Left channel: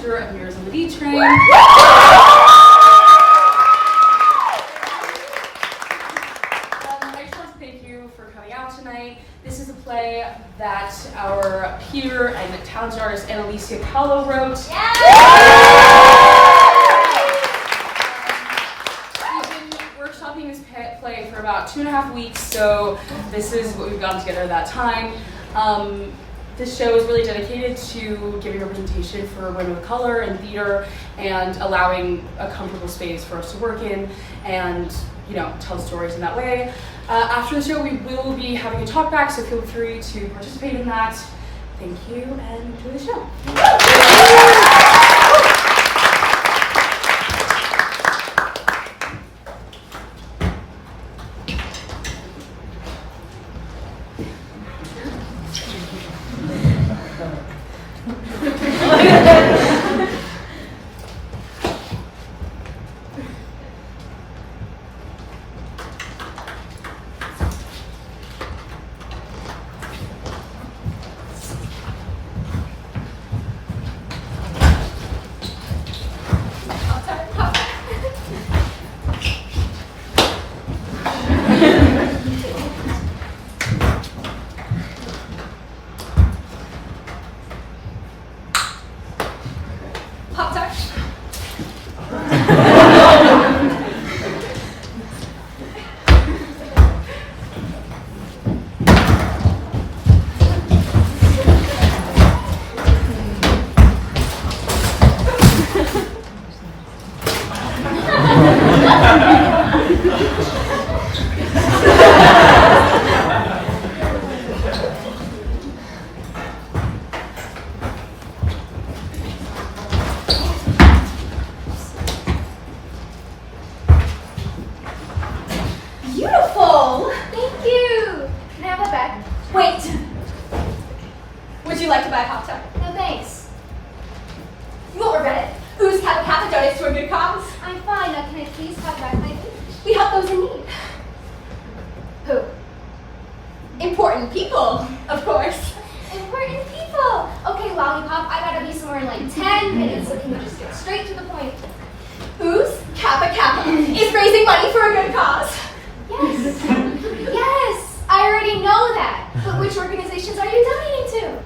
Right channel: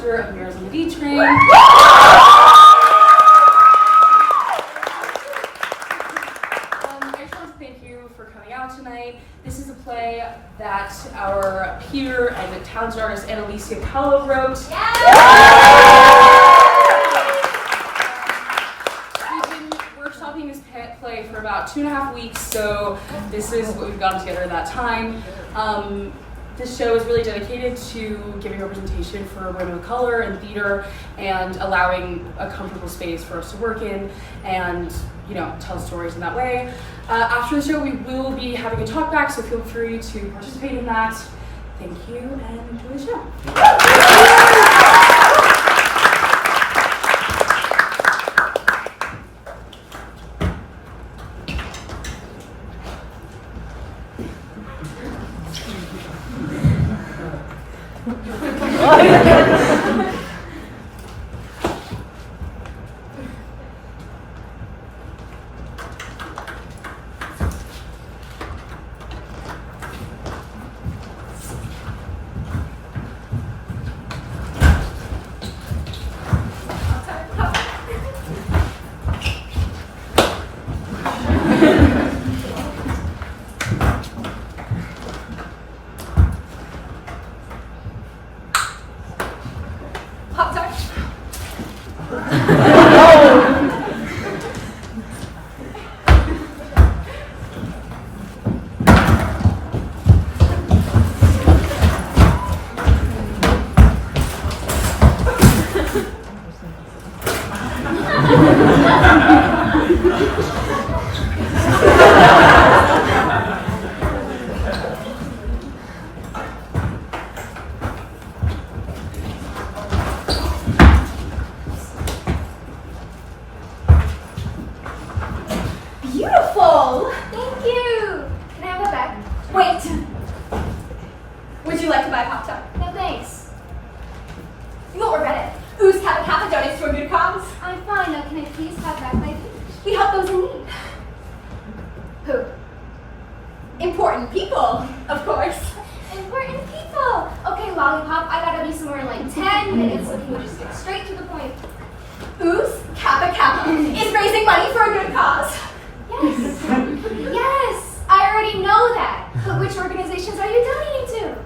director of Miras on the D Train. I just want to thank you for coming out tonight. This is a play that our peer and talented artist Analeysia Calo wrote. We've been workshopping this play for about 2.5 weeks, so this is what we've gotten together at that time. This show is really dedicated to giving representation for women of color in theater and allowing a comfortable space for us to work in and, you know, tell stories in that way. After the show, we will be having a talk back, so feel free to participate in that. Thank you and enjoy the show. Beautiful! Thank you! Can I have that back? Wait! Would you like to buy a Pop-Tart? No thanks. You won't regret it. Who's Kappa donates to a good cause? I'm fine. Now can I please have back my food? We help those in need. Who? Important people, of course. Important people! Okay, Lollipop, I gotta be somewhere in like 10 minutes, so can we just get straight to the point? Who's Kappa is raising money for a good cause? Yes. Yes, I already know that. But which organizations are you donating to?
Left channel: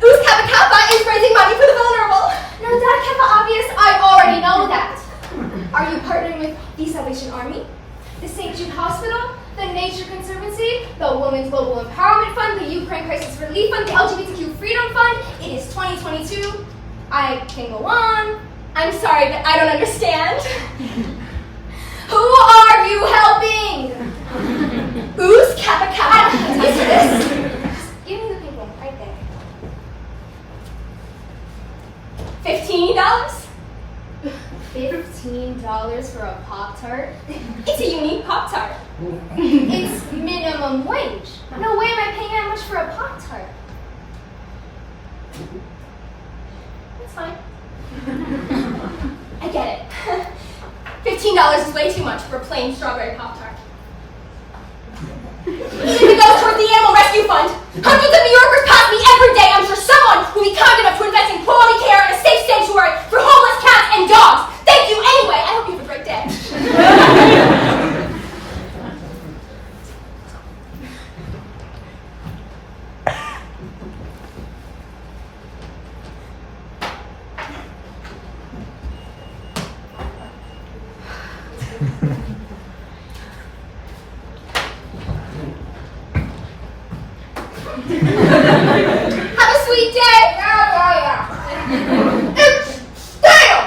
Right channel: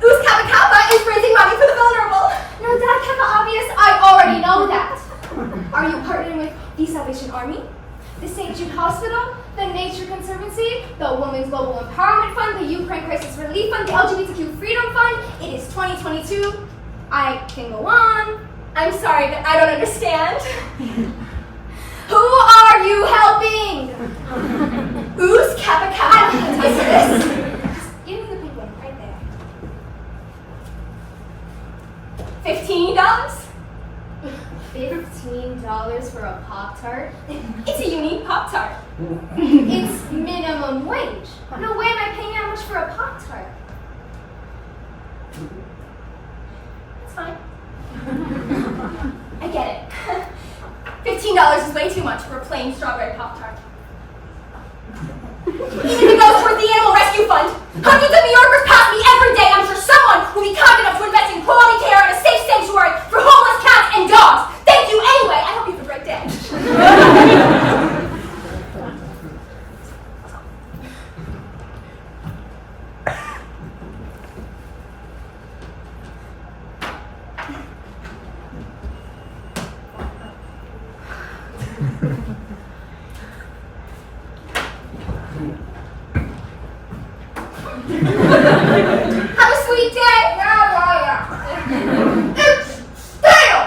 Who's Kappa is raising money for the vulnerable? No, that Kappa obvious, I already know that. Are you partnering with the Salvation Army, the St. Jude Hospital, the Nature Conservancy, the Women's Global Empowerment Fund, the Ukraine Crisis Relief Fund, the LGBTQ Freedom Fund? It is 2022. I can go on. I'm sorry, but I don't understand. Who are you helping? Who's Kappa? Is this? Give me the pink one right there. $15? $15 for a Pop-Tart? It's a unique Pop-Tart. It's minimum wage. No way am I paying that much for a Pop-Tart. It's fine. I get it. $15 is way too much for a plain strawberry Pop-Tart. It even goes toward the Animal Rescue Fund. Hundreds of New Yorkers pass me every day. I'm sure someone will be kind enough to invest in quality care and a safe sanctuary for homeless cats and dogs. Thank you anyway. I hope you have a great day. Have a sweet day. Yeah. It's stale.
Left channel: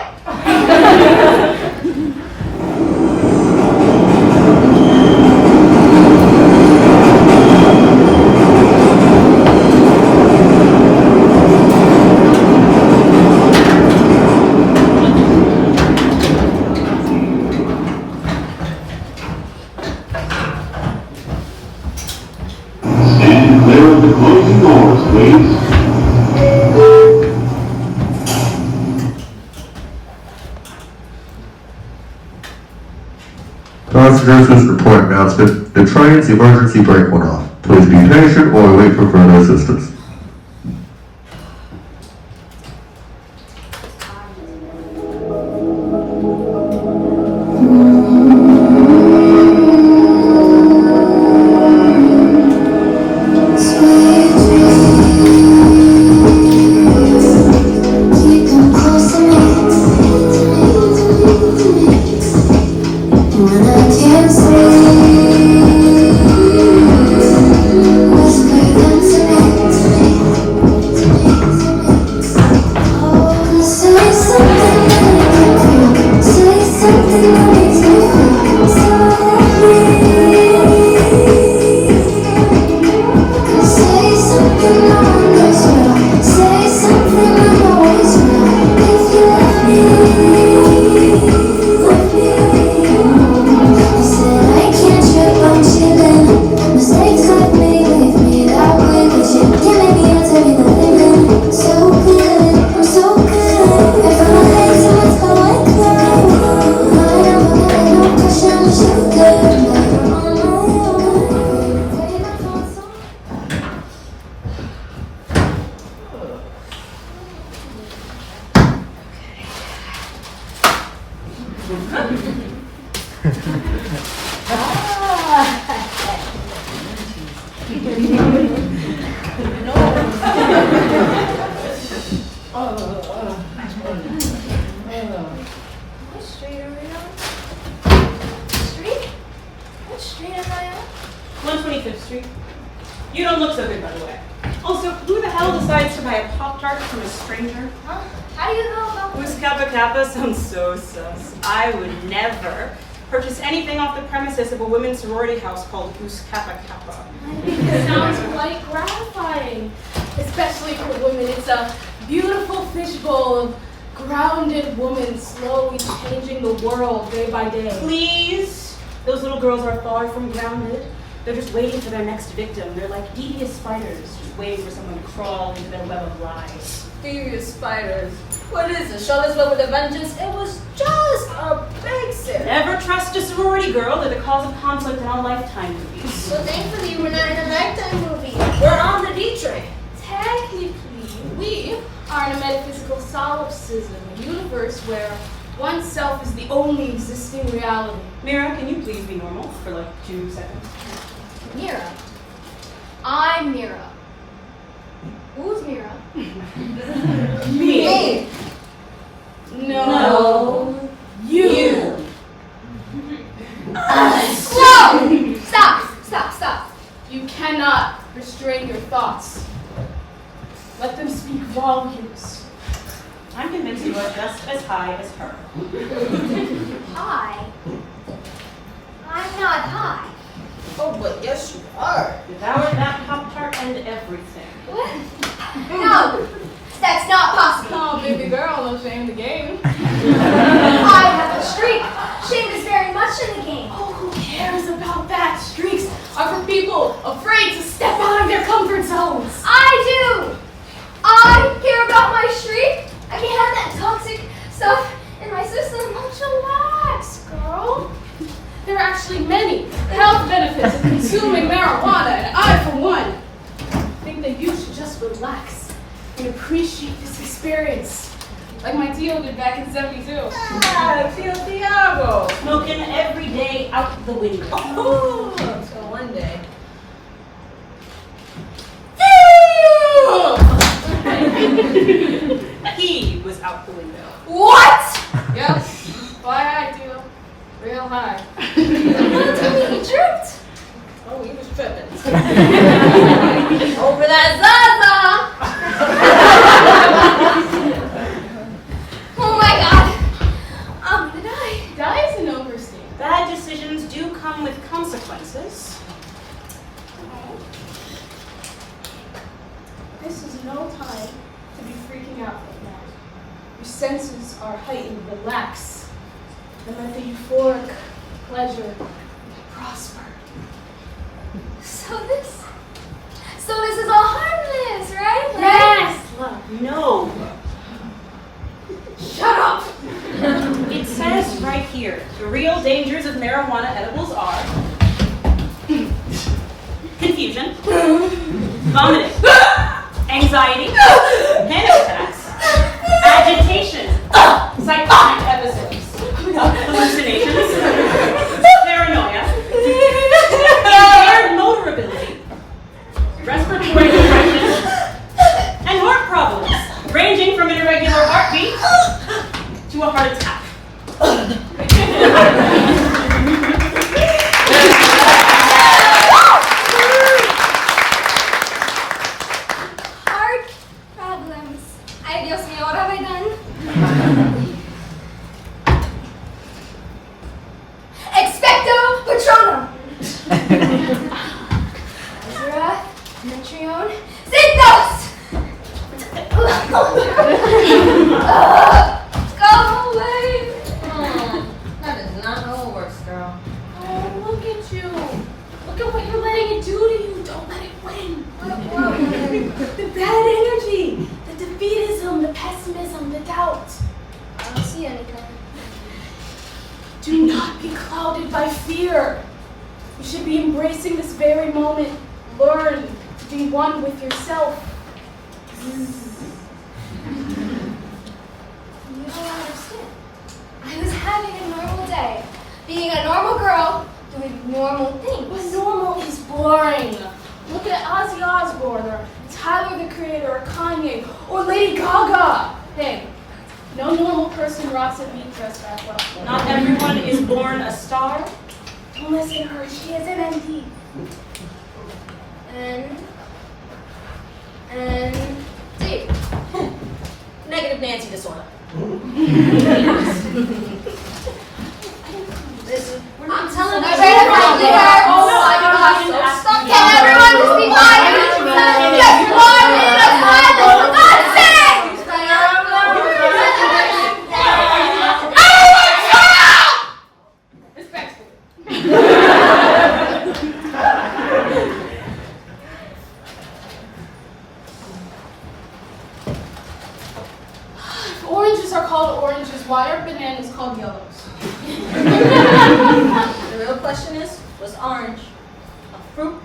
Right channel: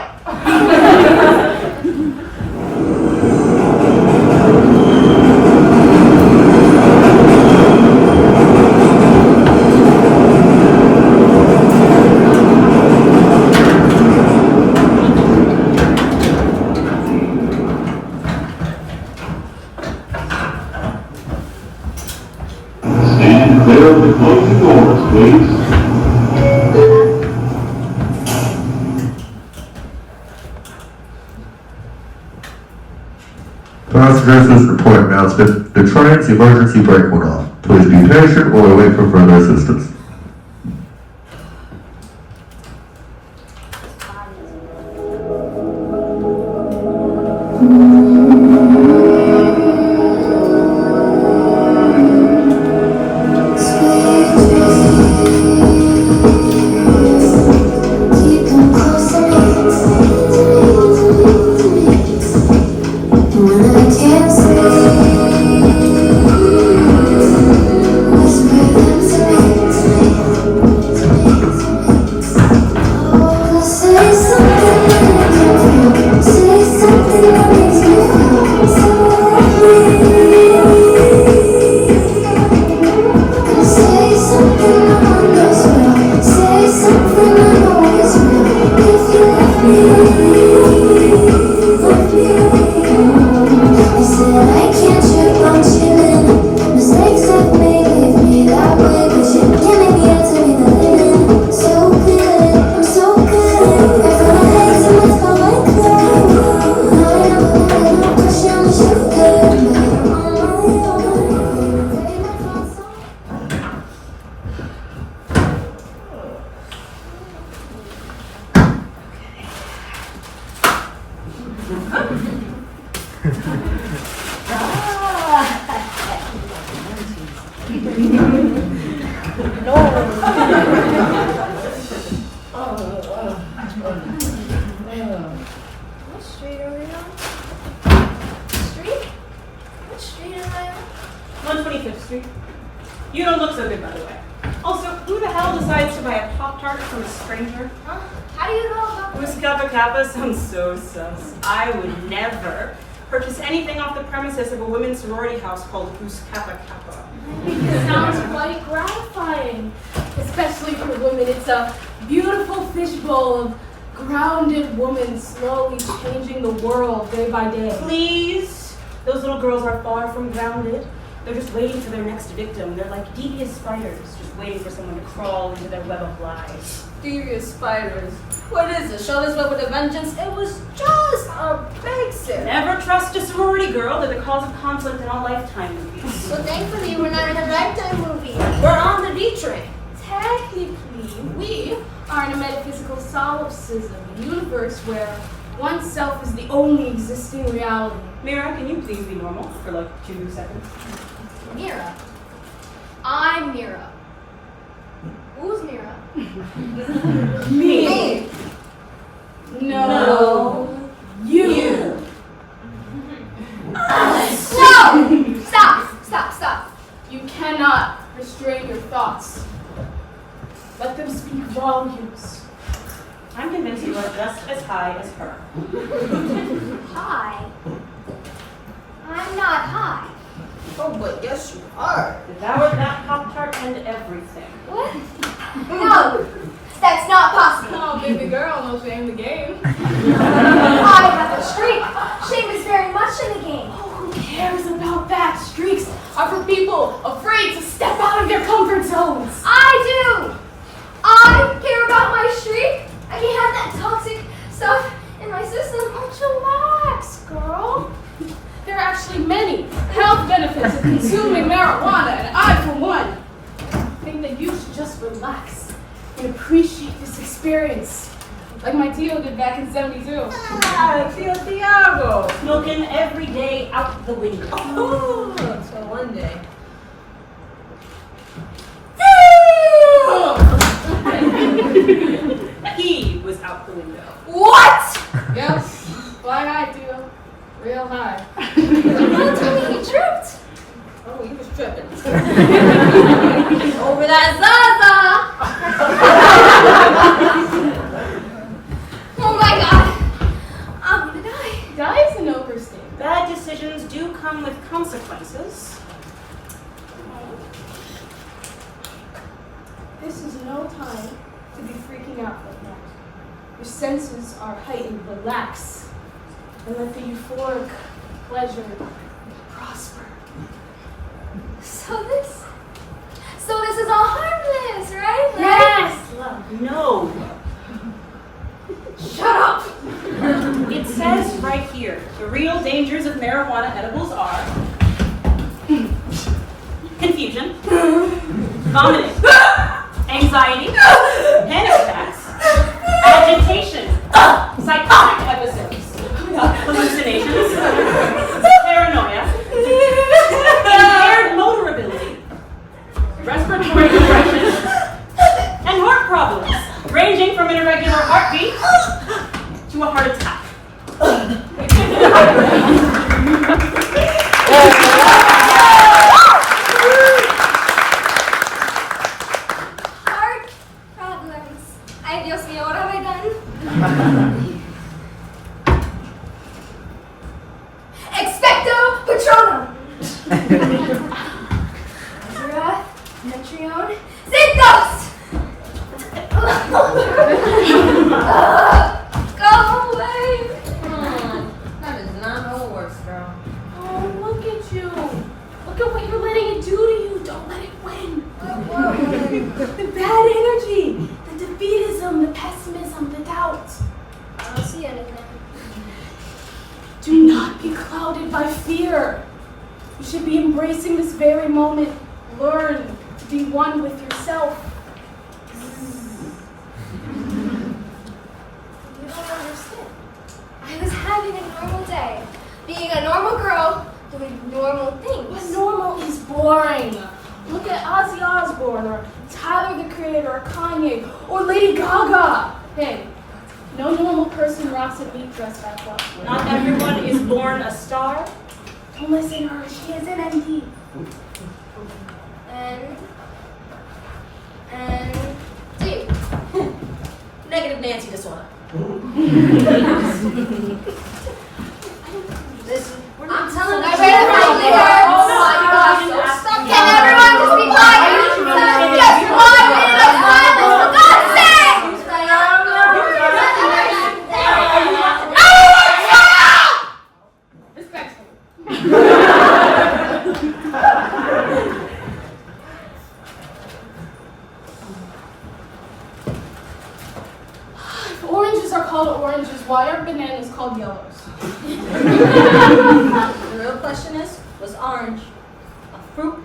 Stand clear of the closing doors, please. Passengers, report announcement. The train's emergency brake went off. Please be patient or wait for further assistance. 125th Street. You don't look so good, by the way. Also, who the hell decides to buy a Pop-Tart from a stranger? Huh? How do you know? Who's Kappa Kappa sounds so sus. I would never purchase anything off the premises of a women's sorority house called Who's Kappa Kappa. It sounds quite gratifying, especially for women. It's a beautiful fishbowl of grounded women slowly changing the world day by day. Please? Those little girls are far from grounded. They're just waiting for their next victim. They're like devious spiders, just waiting for someone to crawl into their web of lies. Devious spiders. What is it? Show this love with a vengeance? It was just a basic. Never trust a sorority girl. They're the cause of conflict in all Lifetime movies. Well, thankfully, we're not in a Lifetime movie. We're on the D train. Technically, we are in a metaphysical solipsism, a universe where oneself is the only existing reality. Mira, can you please be normal for like 2 seconds? Mira. I'm Mira. Who's Mira? Me. No. You. Whoa! Stop. You cannot restrain your thoughts. Let them speak volumes. I'm convinced you are just as high as her. High? I'm not high. Oh, but yes, you are. Devoured that Pop-Tart and everything. What? No, that's not possible. Oh, baby girl, no shame in the game. I have a streak. Shame is very much in the game. Oh, who cares about that? Streaks are for people afraid to step out of their comfort zones. I do. I care about my streak. I can't have that toxic stuff in my system. Relax, girl. There are actually many health benefits of consuming marijuana, and I, for one, think that you should just relax and appreciate this experience, like my Tio did back in '72. Ah, Tio Tiago. Smoking every day out the window. Oh, so one day. He was out the window. What? Yep. Fly high, Tio. Real high. Don't tell me he tripped. Oh, he was tripping. Over that Zaza. Oh my God. I'm gonna die. Die is an overstatement. Bad decisions do come with consequences. This is no time to be freaking out like that. Your senses are heightened. Relax. And let the euphoric pleasure prosper. So this is all harmless, right? Yes, love. No. Shut up. It says right here, the real dangers of marijuana edibles are confusion, vomiting, anxiety, panic attacks, agitation, psychotic episodes, hallucinations, paranoia, impaired motor ability, respiratory depression, and heart problems, ranging from an irregular heartbeat to a heart attack. Heart problems. Ay, Dios mío, what have I done? Expecto Patronum. Azura, Metrion, Zinthos! Go away! That is not how it works, girl. Oh, look at you. Look at what you're letting it do to you. Don't let it win. The bad energy, the defeatism, the pessimism, the doubt. I don't see anything. Do not be clouded by fear. You should be embracing this very moment. Learn to be one with yourself. You don't understand. I was having a normal day, being a normal girl, doing normal things. But normal is boring. Look at Ozzy Osbourne, or Tyler the Creator, or Kanye, or Lady Gaga. Hey, no normal person rocks a meat dress back up. Not everyone is born a star. Don't listen to her. She is an MD. fancy disorder. Listen, I'm telling you. Oh my gosh. Can everyone just be quiet? Just 1 minute of silence, for God's sake! Everyone shut up! Respectfully. If oranges are called oranges, why are bananas called yellows? The real question is, was orange a fruit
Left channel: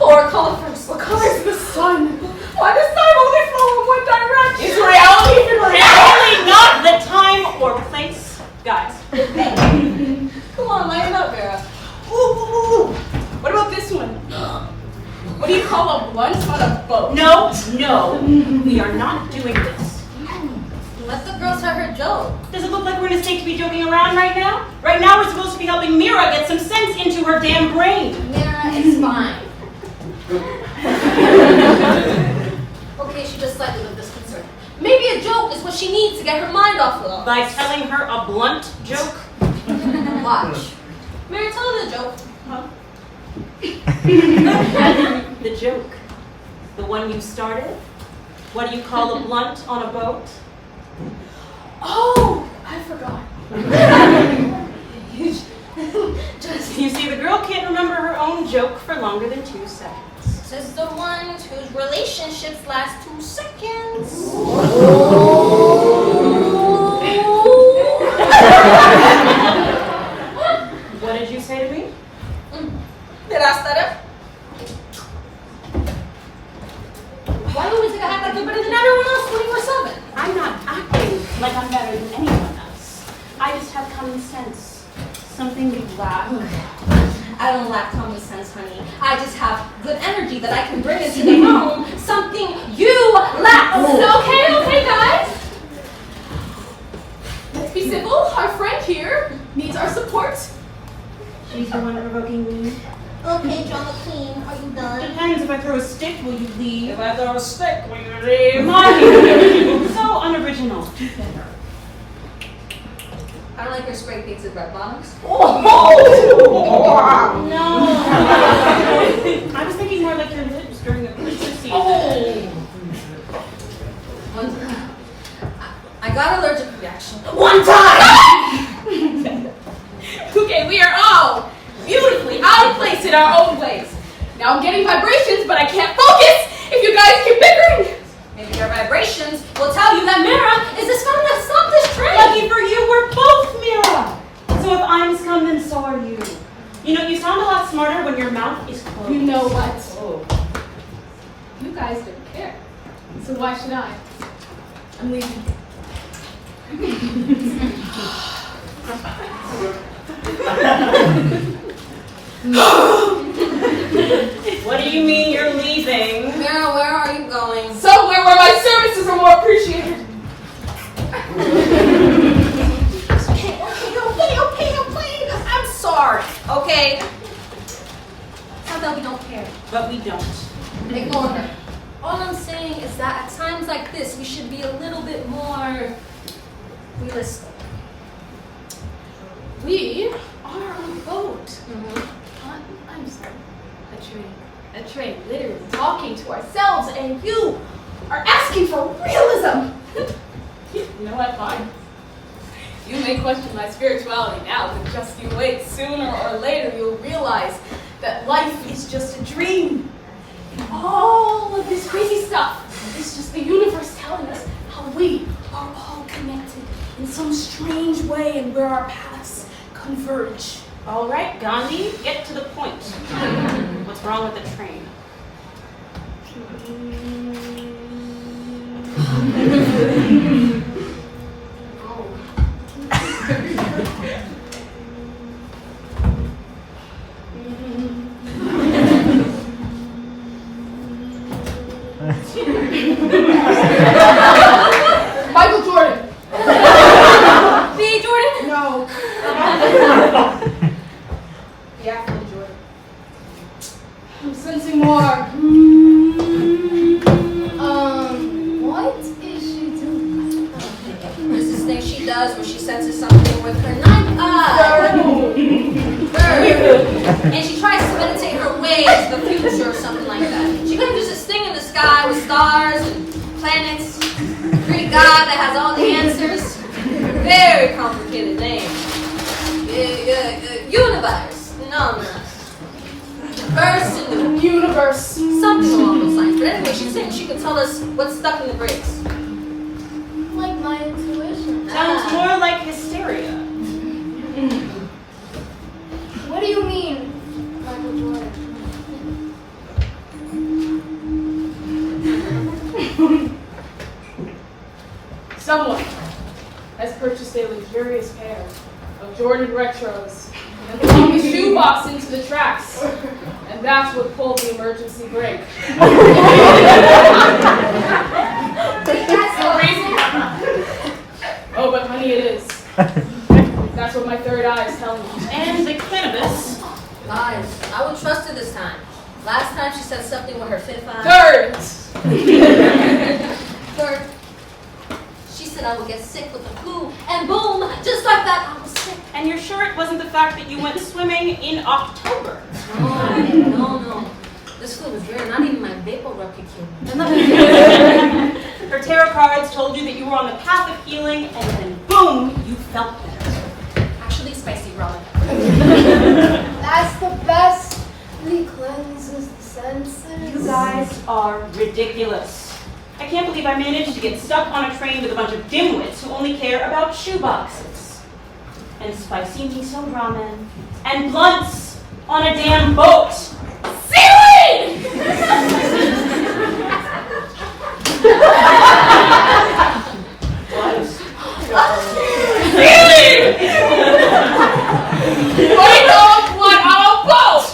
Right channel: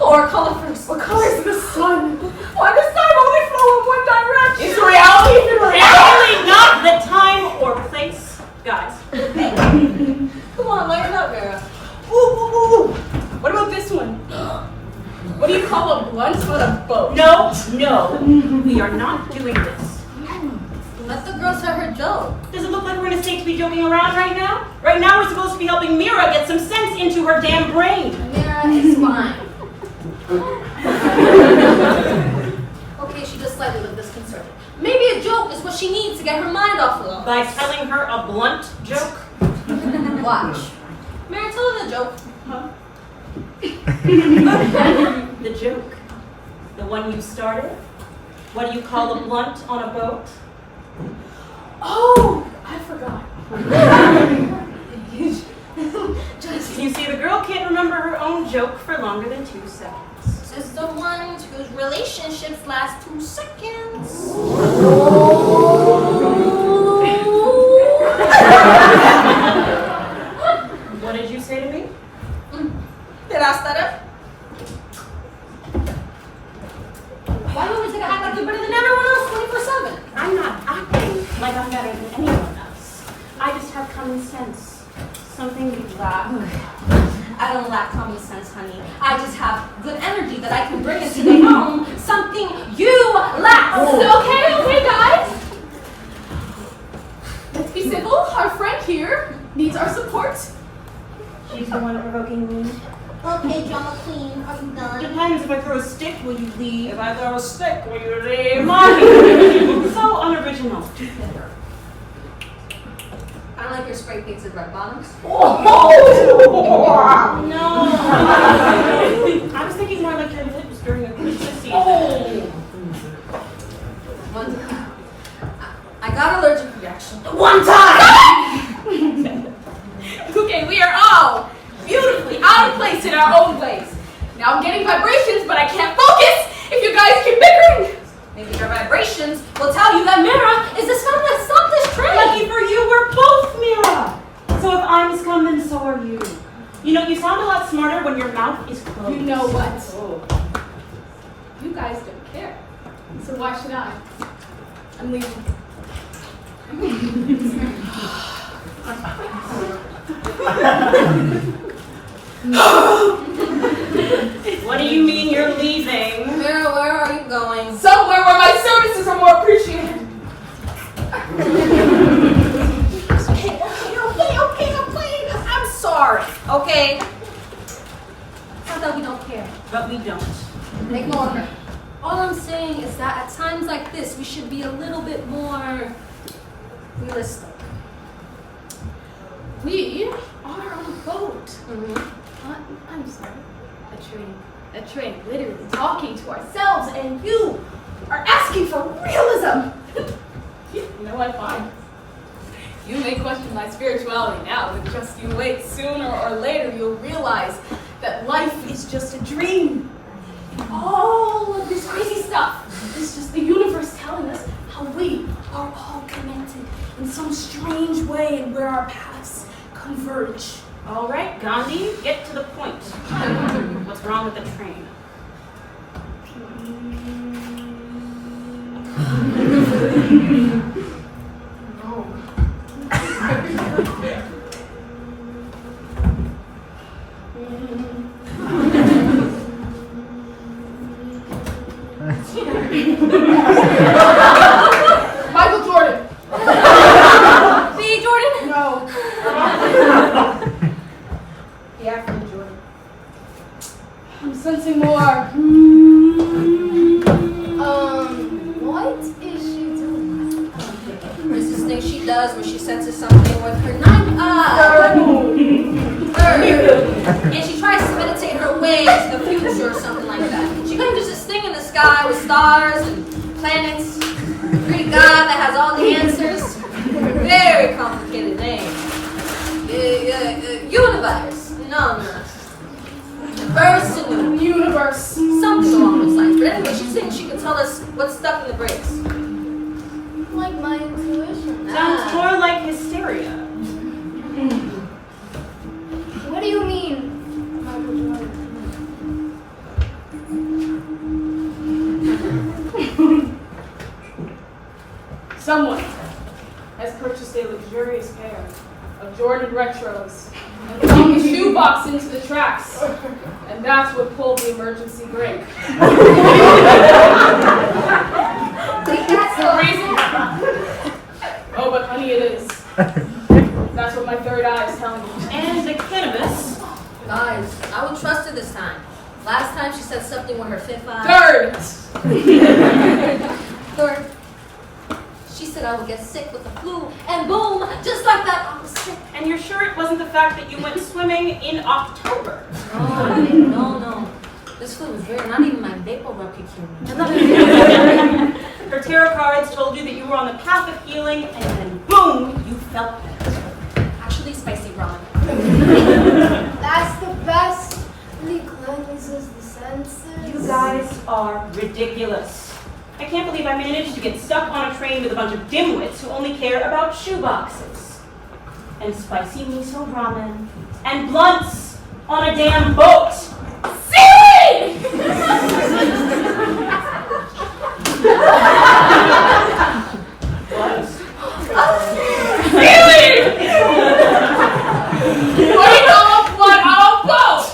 or a color first? What color is the sun? Why does time only flow in one direction? Is reality even Really not the time or place, guys. Come on, lighten up, Mira. Ooh. What about this one? What do you call a blunt on a boat? No, we are not doing this. Let the girl tell her joke. Does it look like we're in a state to be joking around right now? Right now we're supposed to be helping Mira get some sense into her damn brain. Mira, it's fine. Okay, she just slightly looked disconcerted. Maybe a joke is what she needs to get her mind off of. By telling her a blunt joke? Watch. Mira, tell her the joke. Huh? The joke. The one you started? What do you call a blunt on a boat? Oh, I forgot. You see, the girl can't remember her own joke for longer than 2 seconds. Just the ones whose relationships last 2 seconds. What did you say to me? Did I stutter? Why do we take a act like you're better than everyone else 24/7? I'm not acting like I'm better than anyone else. I just have common sense. Something you lack. I don't lack common sense, honey. I just have good energy that I can bring into the home. Something you lack. Okay, guys. Let's be civil. Our friend here needs our support. She's the one provoking me. Okay, drama queen, are you done? Depends. If I throw a stick, will you leave? If I throw a stick, will you leave? So unoriginal. I don't like your spray pigs with red bottoms. No. I was thinking more like your lips during the Christmas season. I got allergic reaction. One time! Okay, we are all beautifully out of place in our own ways. Now I'm getting vibrations, but I can't focus if you guys keep bickering. Maybe your vibrations will tell you that Mira is the scum that stopped this train. Lucky for you, we're both Mira. So if I'm scum, then so are you. You know, you sound a lot smarter when your mouth is closed. You know what? Oh. You guys don't care. So why should I? I'm leaving. What do you mean you're leaving? Mira, where are you going? Somewhere where my services are more appreciated. Okay. I'm sorry, okay? It's not that we don't care. But we don't. Ignore her. All I'm saying is that at times like this, we should be a little bit more realistic. We are on a boat. Mm-hmm. I'm sorry. A train, literally talking to ourselves, and you are asking for realism. You know what, fine. You may question my spirituality now, but just you wait. Sooner or later, you'll realize that life is just a dream. And all of this crazy stuff is just the universe telling us how we are all connected in some strange way and where our paths converge. All right, Gandhi, get to the point. What's wrong with the train? Michael Jordan. B. Jordan? No. Yeah, Jordan. I'm sensing more. What is she doing? she does when she senses something with her ninth eye. And she tries to meditate her way to the future or something like that. She claims there's this thing in the sky with stars and planets, a Greek god that has all the answers. Very complicated name. Universe. No. Verse in the universe. Something along those lines. But anyway, she's saying she can tell us what's stuck in the bricks. Like my intuition. Sounds more like hysteria. What do you mean, Michael Jordan? Someone has purchased a luxurious pair of Jordan Retros and flung the shoebox into the tracks, and that's what pulled the emergency brake. That's the reason. Oh, but honey, it is. That's what my third eye is telling me. And the cannabis. Guys, I would trust her this time. Last time she said something with her fifth eye. Third! Third. She said I would get sick with the flu, and boom, just like that, I was sick. And you're sure it wasn't the fact that you went swimming in October? No. This flu was there, not even my vapor rub could kill me. Her tarot cards told you that you were on the path of healing, and then boom, you felt it. Actually, spicy ramen. That's the best. It cleanses the senses. You guys are ridiculous. I can't believe I managed to get stuck on a train with a bunch of dimwits who only care about shoeboxes. And spicy miso ramen. And blunts on a damn boat. Seaweed! Wait off what I'll boat!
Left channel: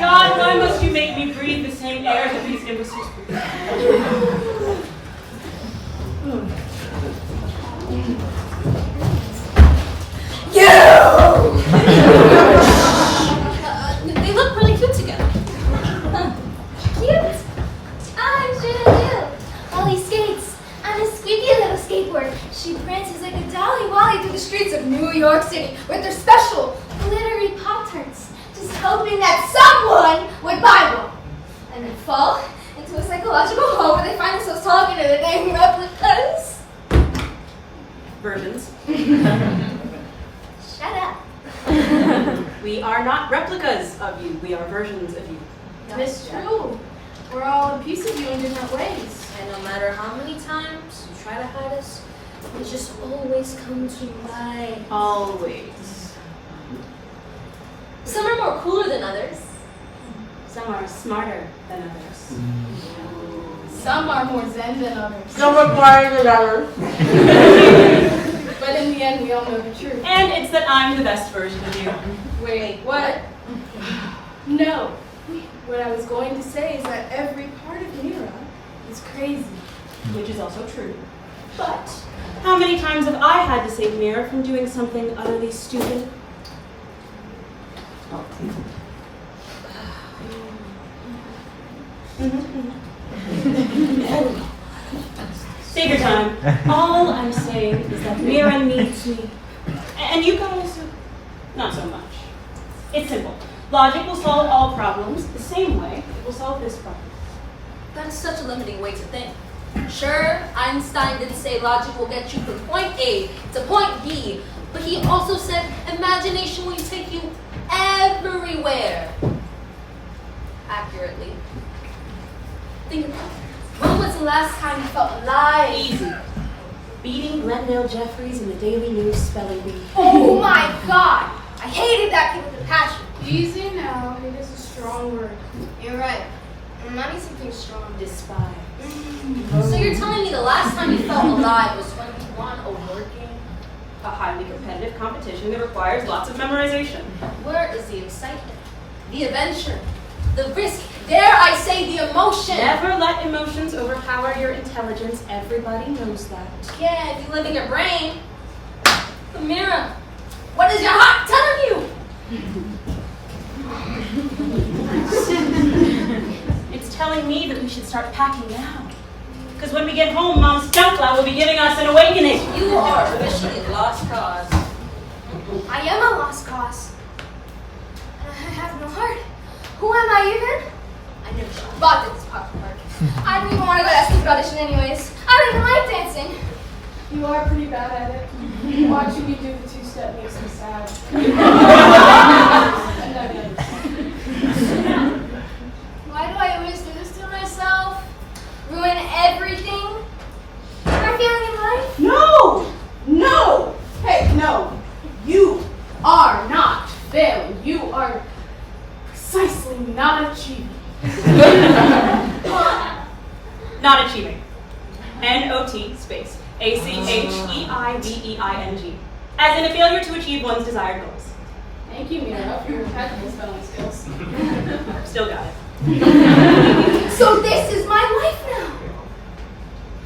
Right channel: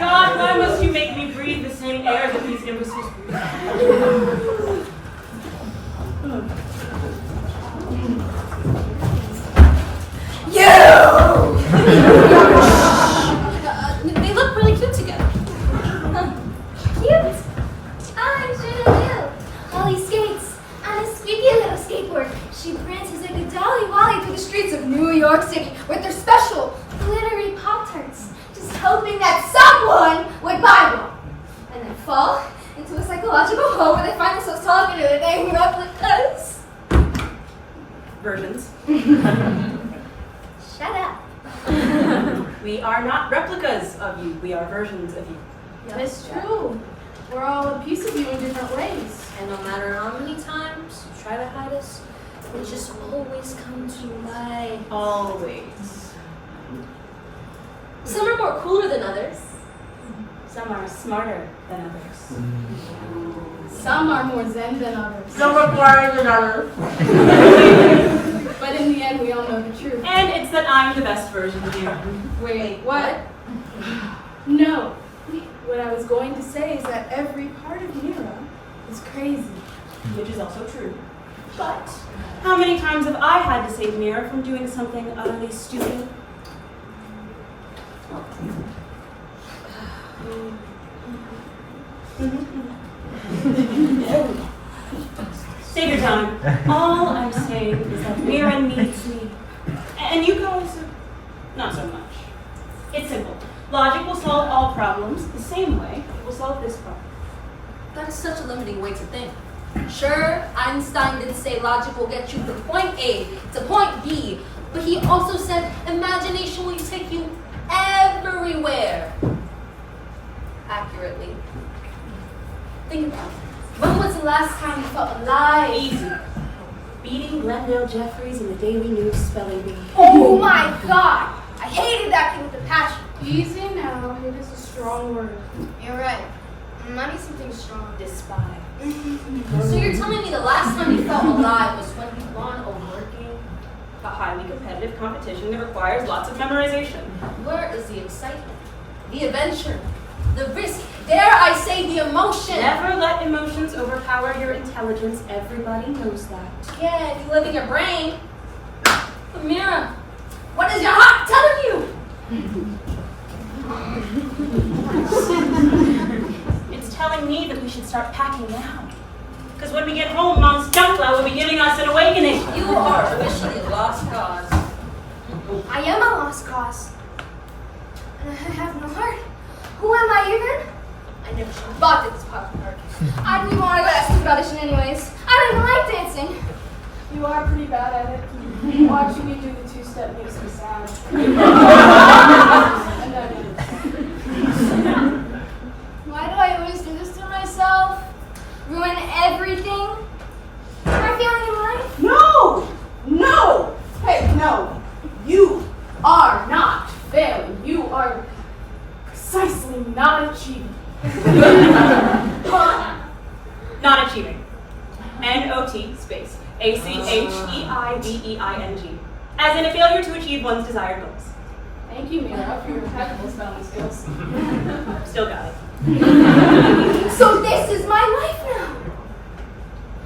God, why must you make me breathe the same air that these imbeciles breathe? They look really cute together. Cute. I'm sure Ollie skates on a squeaky little skateboard. She prances like a dolly wally through the streets of New York City with her special glittery Pop-Tarts, just hoping that someone would buy one. And then fall into a psychological hole where they find themselves talking to the dang replicas. Versions. Shut up. We are not replicas of you. We are versions of you. It's true. We're all a piece of you in different ways. And no matter how many times you try to hide us, we just always come to life. Always. Some are more cooler than others. Some are smarter than others. Some are more zen than others. Some are quieter than others. But in the end, we all know the truth. And it's that I'm the best version of you. Wait, what? No. What I was going to say is that every part of Mira is crazy. Which is also true. But how many times have I had to save Mira from doing something utterly stupid? Save your time. All I'm saying is that Mira needs me. And you guys, not so much. It's simple. Logic will solve all problems the same way it will solve this problem. That is such a limiting way to think. Sure, Einstein did say logic will get you from point A to point B, but he also said imagination will take you everywhere. Accurately. Think about it. When was the last time you felt alive? Easy. Beating Glendale Jeffries in the Daily News spelling bee. Oh my god! I hated that kid with a passion. Easy now. It is a strong word. You're right. I need something strong. Despise. So you're telling me the last time you felt alive was when you won a word game? A highly competitive competition that requires lots of memorization. Where is the excitement, the adventure, the risk, dare I say the emotion? Never let emotions overpower your intelligence. Everybody knows that. Yeah, if you live in your brain. Mira, what is your heart telling you? It's telling me that we should start packing now. Because when we get home, Mom's Dunkla will be giving us an awakening. You are officially a lost cause. I am a lost cause. And I have no heart. Who am I even? I never should have bought this pop card. I didn't even want to go to that stupid audition anyways. I don't even like dancing. You are pretty bad at it. Watching me do the two-step makes me sad. Why do I always do this to myself? Ruin everything? Am I feeling alive? No! No! Hey, no. You are not failing. You are precisely not achieving. Not achieving. N-O-T space A-C-H-E-I-V-E-I-G. As in a failure to achieve one's desired goals. Thank you, Mira, for your impeccable spelling skills. Still got it. So this is my life now.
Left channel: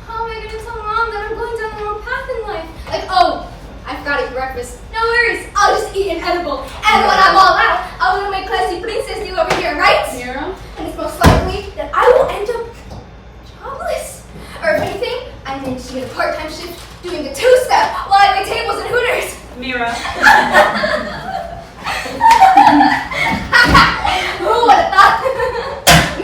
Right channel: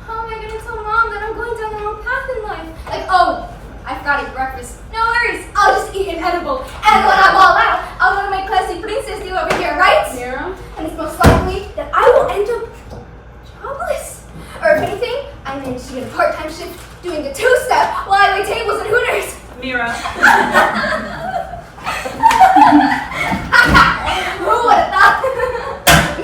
How am I going to tell Mom that I'm going down the wrong path in life? Like, oh, I forgot to eat breakfast. No worries, I'll just eat an edible. And when I'm all out, I'm going to make classy princess deal over here, right? Mira? And it's most likely that I will end up jobless. Or if anything, I managed to get a part-time shift doing the two-step while I wait tables and Hooters. Mira. Who would have thought?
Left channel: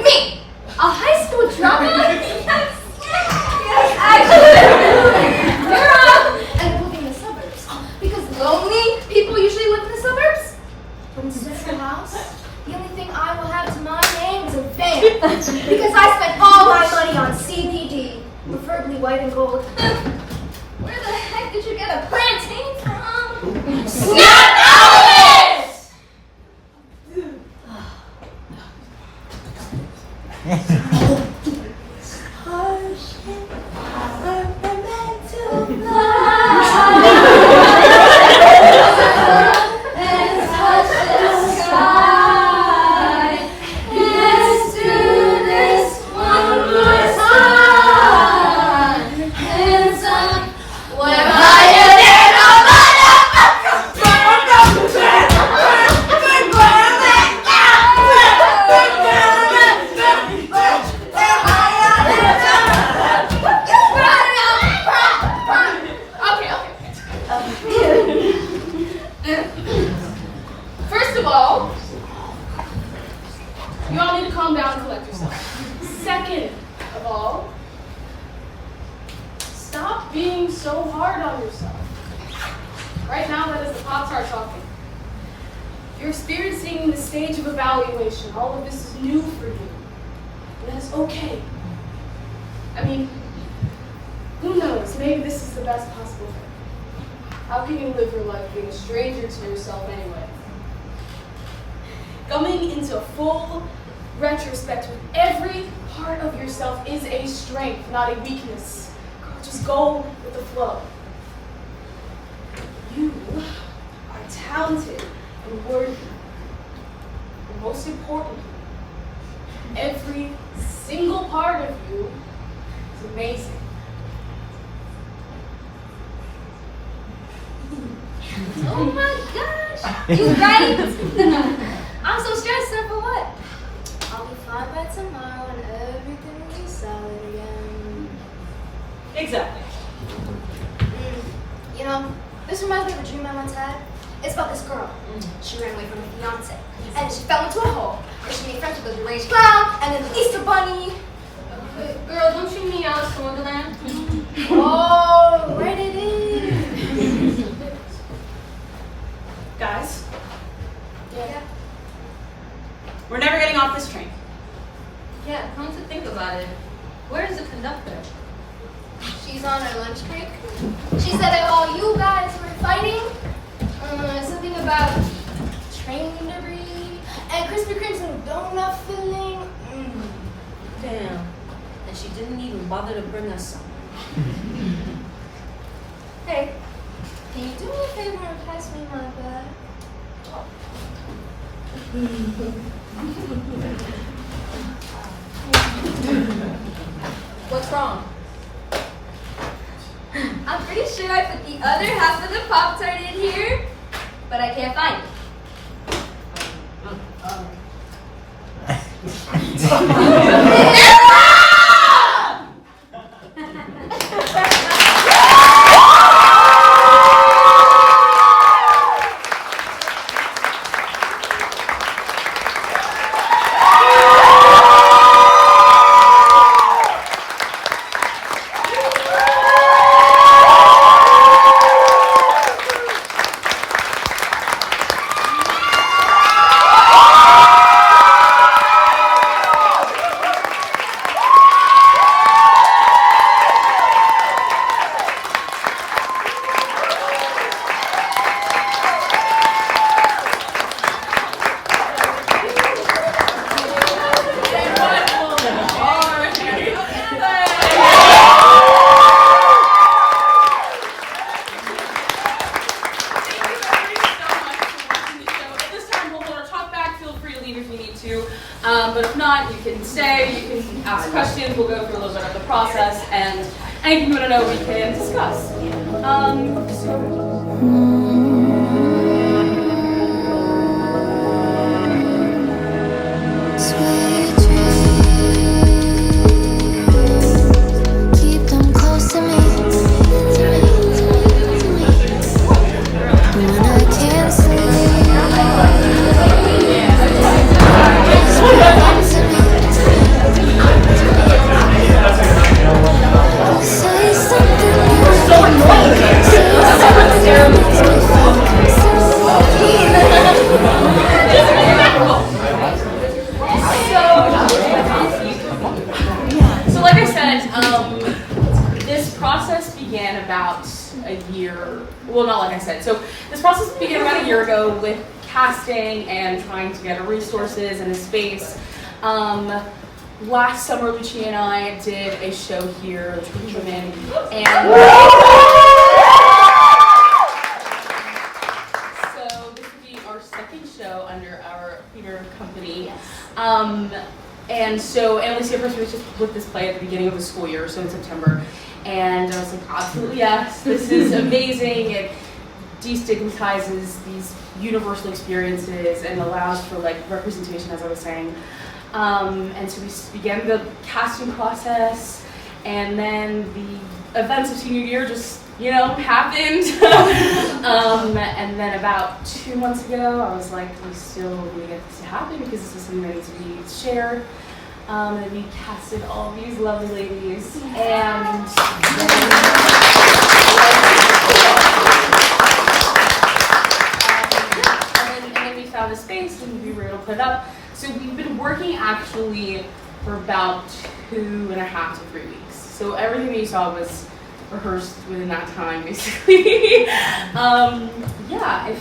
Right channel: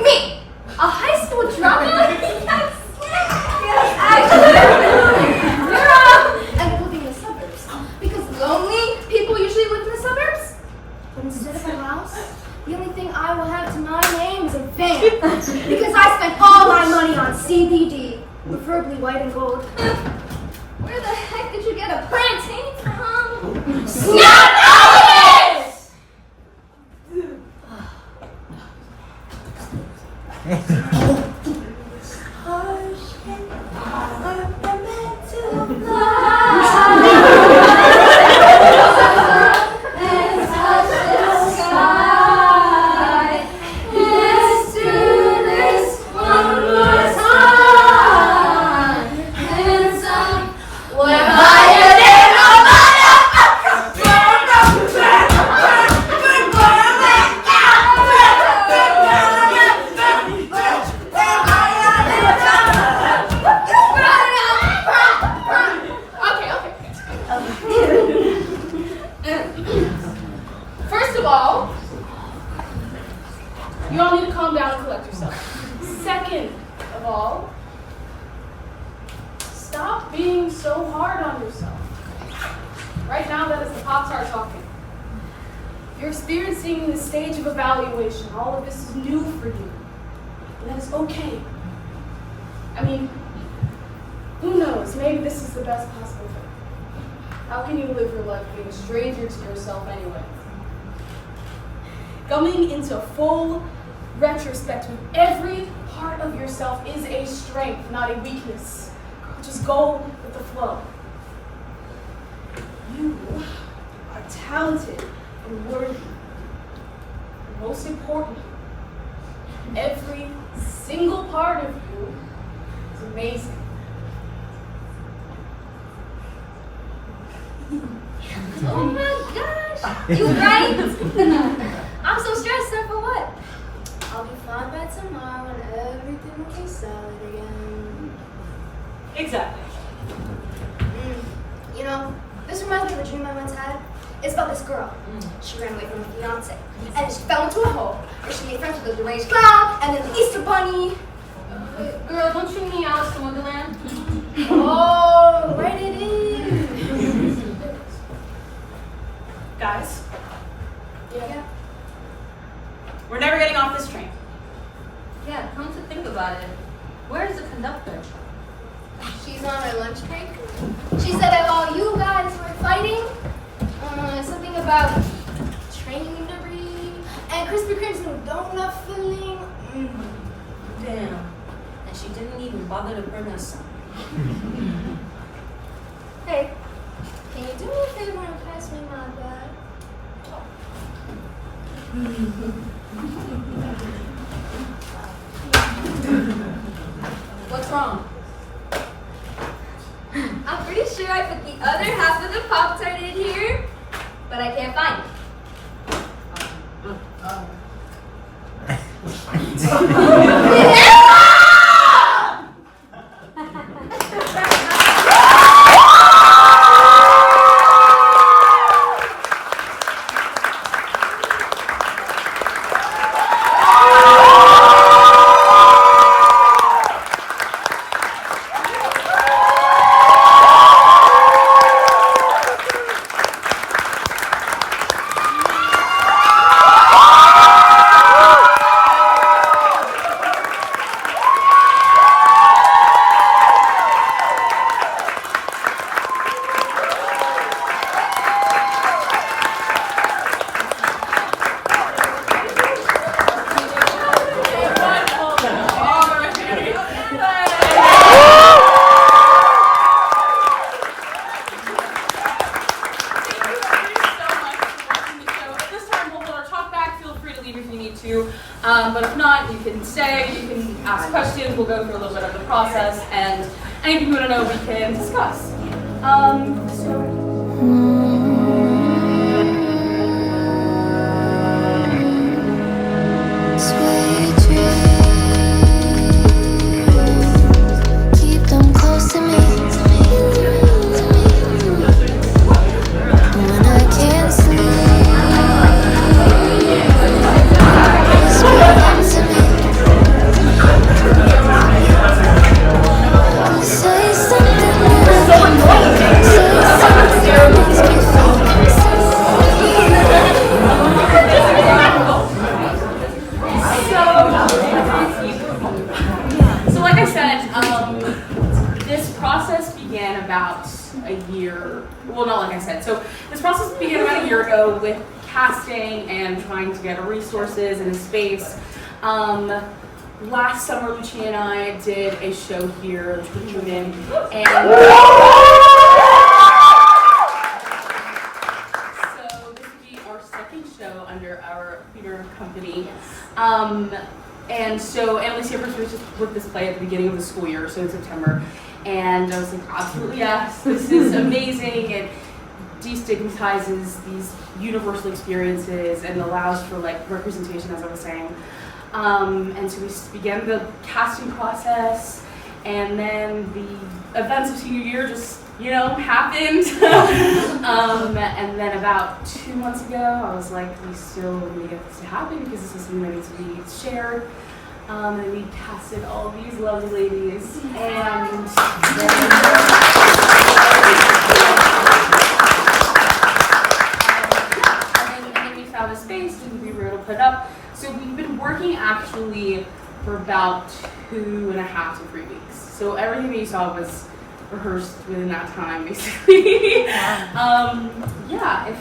Me! A high school dropout? Yes! Yes, actually! Mira! And living in the suburbs. Because lonely people usually live in the suburbs. But instead of a house, the only thing I will have to my name is a van. Because I spent all my money on CBD, preferably white and gold. Where the heck did you get a plantain from? Snap out of it! All of this is new for you. And that's okay. I mean, who knows? Maybe this is the best possible thing. How can you live your life being a stranger to yourself anyway? Coming into full retrospect with every part of yourself is a strength, not a weakness. Just go with the flow. You are talented and worthy. Most importantly, every single part of you is amazing. Oh my gosh! You right? I'm so stressed out for what? I'll be fine by tomorrow and everything will be solid again. Exactly. You know, this reminds me of a dream I once had. It's about this girl. She ran away from her fiance. And she fell into a hole. And she made friends with the deranged clown and then the Easter bunny. Girl, don't you mean Alice in Wonderland? Oh, write it in. Guys, Yeah. we're never getting off this train. Yeah, come to think about it. Where's the conductor? She's on her lunch break. She said that while you guys were fighting, something about train debris and Krispy Kremes and donut filling. Damn. And she didn't even bother to bring us some. Hey, can you do me a favor and pass me my bag? What's wrong? I'm pretty sure I put the other half of the Pop-Tart in here, but I can't find it. But if not, you can stay, you can ask questions, we'll go through a little bit of the process, and anything you want to know, we can discuss. Sweet dreams, keep them close to me. When I can't sleep, say something that makes me So like I said, this process began about a year, well not like I said, so this process began about a year ago with casting and trying to get resources and a space. Last summer, Lucia and I did a show here, True Women, and so this would be our second show under our theater company. And so Analeysia first was just with this play at the beginning of the school year, so in September, and I was like, absolutely yes, this is amazing. It destigmatizes these universal experiences and allows for like representation, as I was saying. And so we began the casting process, and then the events of senior year just, you know, happened. And then about 2 months ago, I was like, we still need to get this to happen because this is something that needs to be shared. And we casted all these lovely ladies, and then we found a space and we were able to put it up. So we've been working actually for about 2.5 to 3 weeks. So everything that you saw was rehearsed within that time, basically. Yeah, if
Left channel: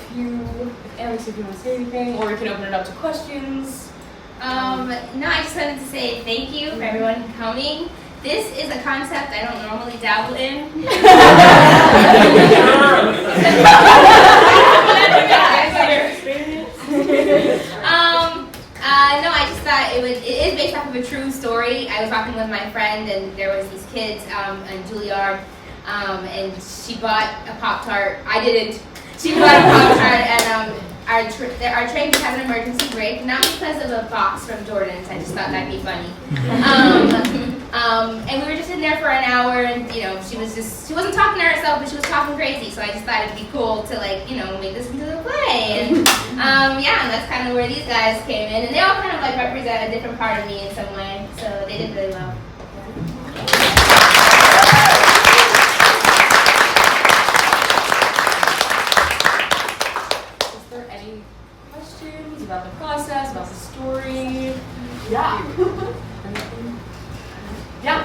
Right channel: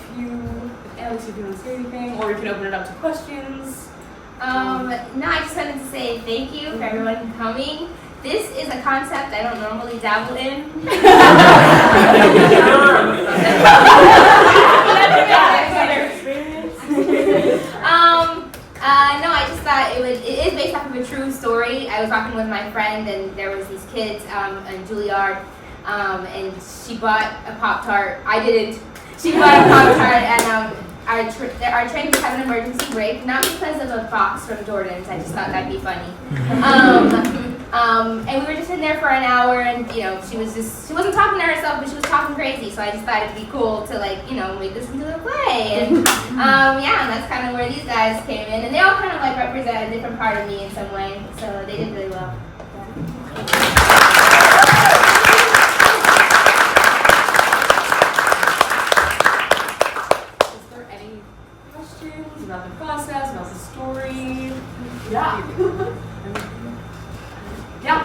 Analeysia, if you want to say anything, or we can open it up to questions. No, I just wanted to say thank you for everyone coming. This is a concept I don't normally dabble in. No, I just thought it is based off of a true story. I was talking with my friend, and there was these kids in Juilliard, and she bought a Pop-Tart. I didn't. She bought a Pop-Tart, and our train just had an emergency brake, not because of a box from Jordan's. I just thought that'd be funny. And we were just in there for an hour, and you know, she wasn't talking to herself, but she was talking crazy. So I just thought it'd be cool to, like, you know, make this into a play. And yeah, and that's kind of where these guys came in, and they all kind of like represent a different part of me in some way. So they did really well. Questions about the process, about the story? Yeah. Yeah.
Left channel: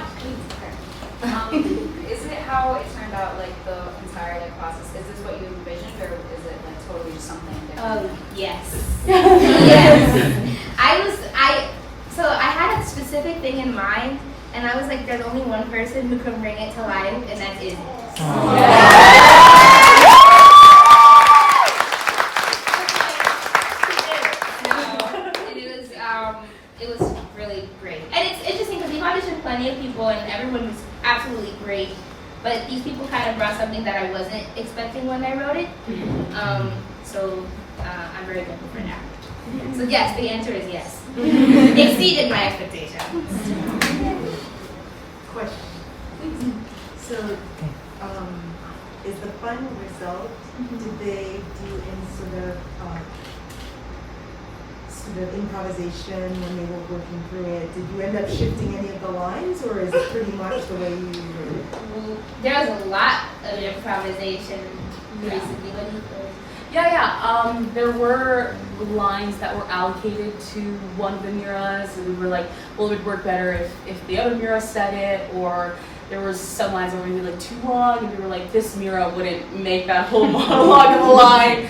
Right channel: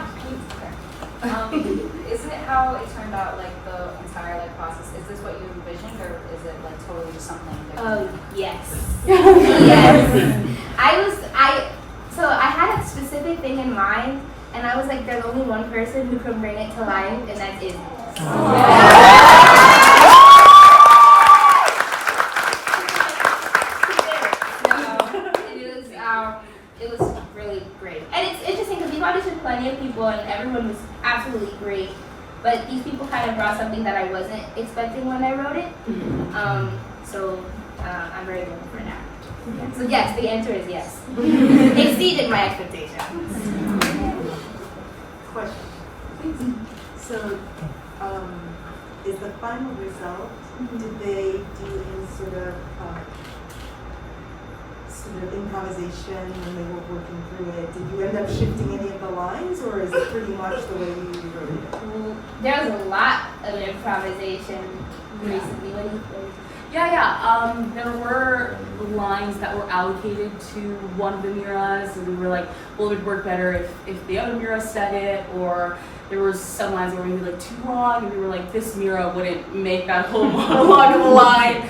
Is it how it turned out, like the entire like process? Is this what you envisioned, or is it like totally just something different? Yes. Yes. So I had a specific thing in mind, and I was like, there's only one person who can bring it to life, and that's it. It was really great. And it's interesting because we've auditioned plenty of people, and everyone was absolutely great. But these people kind of brought something that I wasn't expecting when I wrote it. So I'm very grateful for that. So yes, the answer is yes. Exceeded my expectations. Question. So, is the final result, did they do any sort of improvisation when they were working through it? Did you end up shifting any of the lines, or is it pretty much the way you wrote it? There was a lot of improvisation recently. Yeah. There were lines that were allocated to one of the Miras, and we were like, well, it would work better if the other Mira said it, or there was some lines that were maybe like too long, and we were like, this Mira wouldn't make that whole monologue of a line.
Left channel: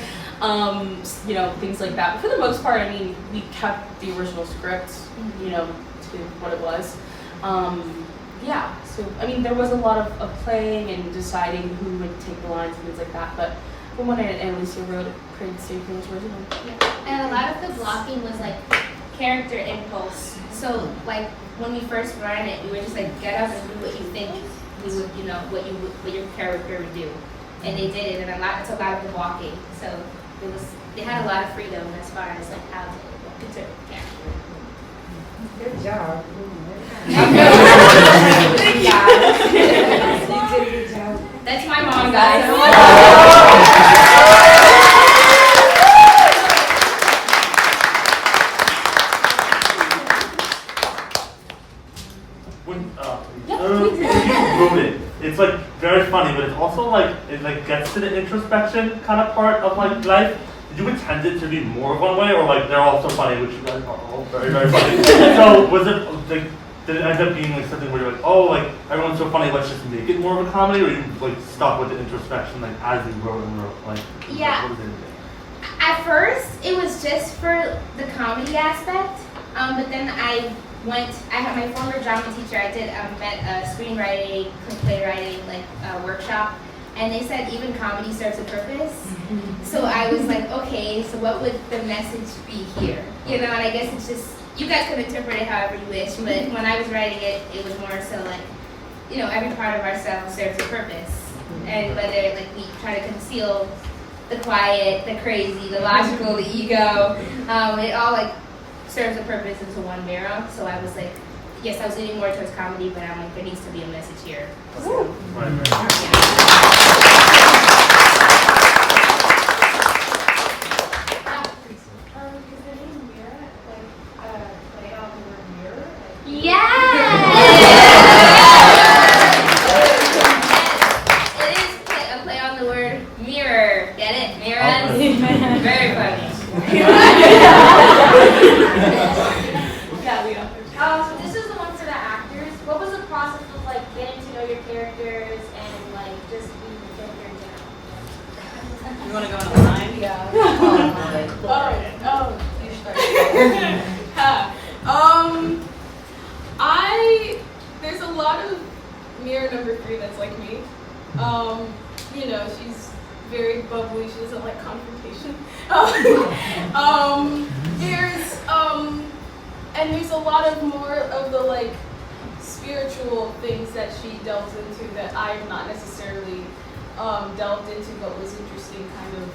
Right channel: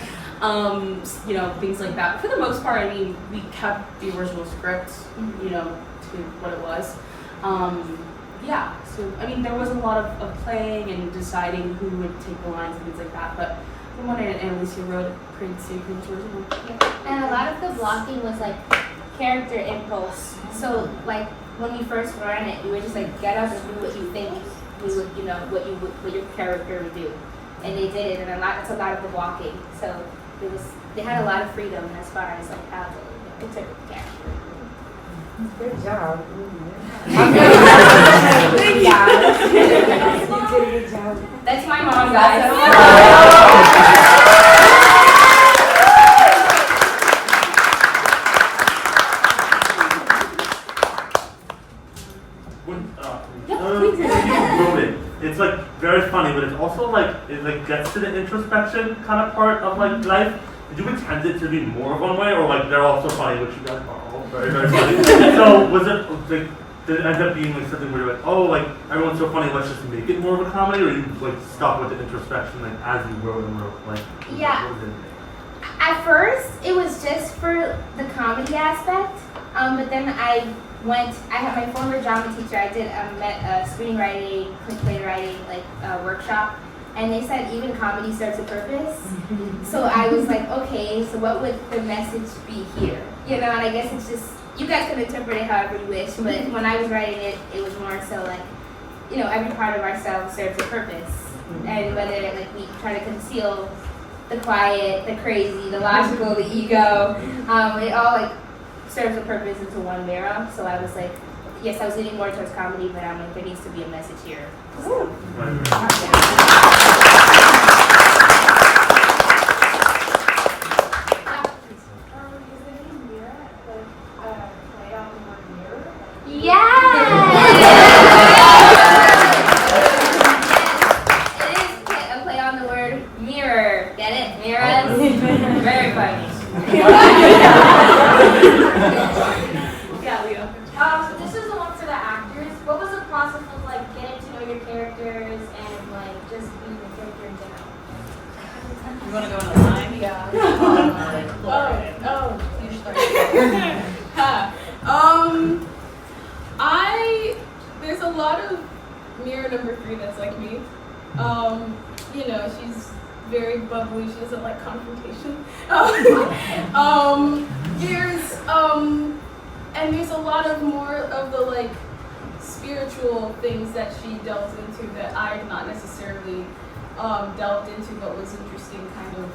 Things like that. But for the most part, I mean, we kept the original script, to what it was. So, I mean, there was a lot of playing and deciding who would take the lines and things like that. But from what Analeysia wrote, it stayed pretty much original. And a lot of the blocking was like character impulse. So like when we first learned it, we were just like, get up and do what you think we would, what your character would do. And they did it, and that's a lot of the blocking. So they had a lot of freedom as far as like how they interpret the character. Good job. Thank you. You did a good job. That's my mom, guys. When you wrote it, it's like very funny, but it's also like it like gets to the introspection kind of part of like life. Did you intend it to be more of one way, or like they're also funny, which you guys are all very, very funny? So was it like, did it end up being like something where you're like, oh, like everyone's so funny, let's just make it more of a comedy, or you like stuck with the introspection like as you wrote and wrote, like? Yeah. What was it? At first, it was just for the comedy aspect, but then I had my former drama teacher, I met a screenwriting, playwriting workshop, and they said even comedy serves a purpose. So I was like, okay, so what would the message be here? And I guess it's just, you guys can interpret it however you wish, but when I was writing it, it was more so like, every part of ourselves serves a purpose. And whether like we try to conceal the quiet, the crazy, the logical, the ego, it all like serves a purpose into one Mira. So I was like, yes, I was leaning more towards comedy, but I'm like, there needs to be a message here. So, This is the one for the actors. What was the process of like getting to know your characters and like just being the character down? You want to go in a line? Yeah. You start. There's a lot of Mira number 3 that's like me. She's very bubbly. She doesn't like confrontation. There's a lot of more of the like spiritual things that she delves into that I've not necessarily delved into, but was interesting, kind of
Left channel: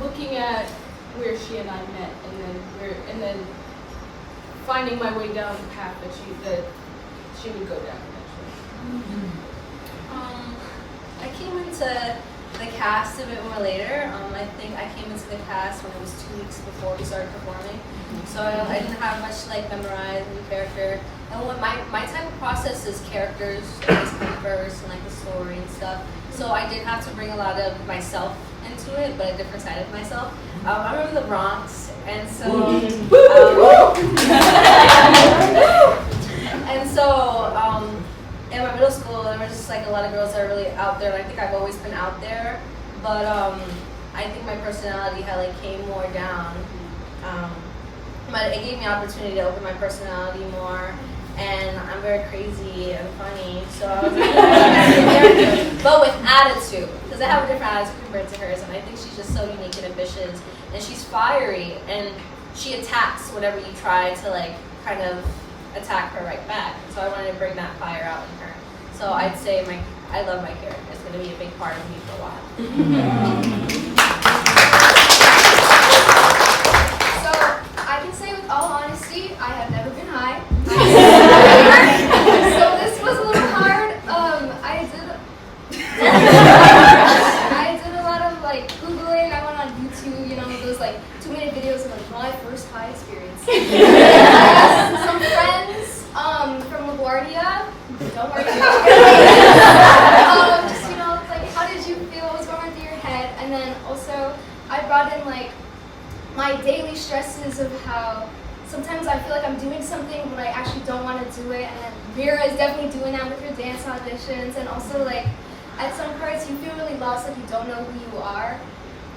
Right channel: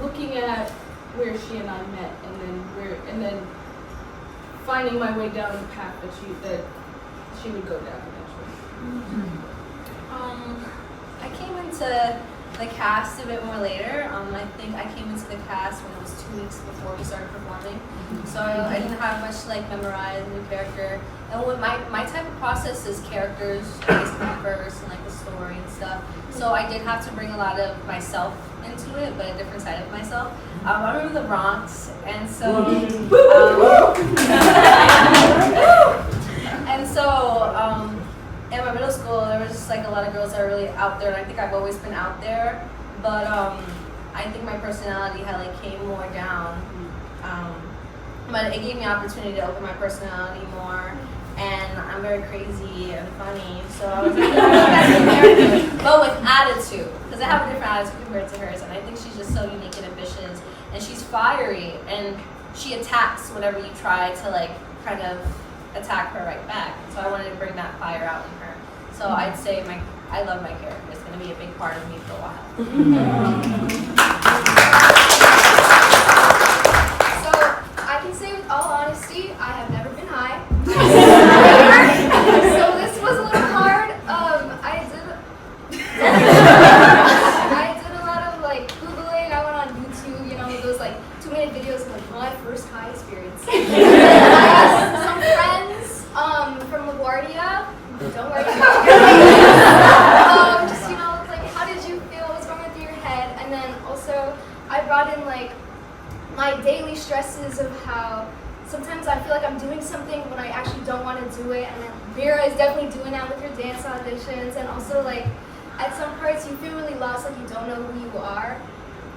looking at where she and I met, and then finding my way down the path that she would go down eventually. I came into the cast a bit more later. I think I came into the cast when it was 2 weeks before we started performing. So I didn't have much to like memorize a new character. And what my type of process is characters always come first and like the story and stuff. So I did have to bring a lot of myself into it, but a different side of myself. I remember the Bronx, and so in my middle school, there was just like a lot of girls that are really out there, and I think I've always been out there, but I think my personality had like came more down, but it gave me opportunity to open my personality more, and I'm very crazy and funny, so I was like, but with attitude, because I have a different attitude compared to hers, and I think she's just so unique and ambitious, and she's fiery, and she attacks whenever you try to like kind of attack her right back. So I wanted to bring that fire out in her. So I'd say I love my character. It's going to be a big part of me for a while. So I can say with all honesty, I have never been high. So this was a little hard. I did a lot of like Googling. I went on YouTube, you know, those like 2-minute videos of like my first high experience. I asked some friends from LaGuardia. Don't worry about it. Just, you know, like how did you feel? What was going on through your head? And then also I brought in like my daily stresses of how sometimes I feel like I'm doing something when I actually don't want to do it, and then Mira is definitely doing that with her dance auditions, and also like at some parts you feel really lost, like you don't know who you are,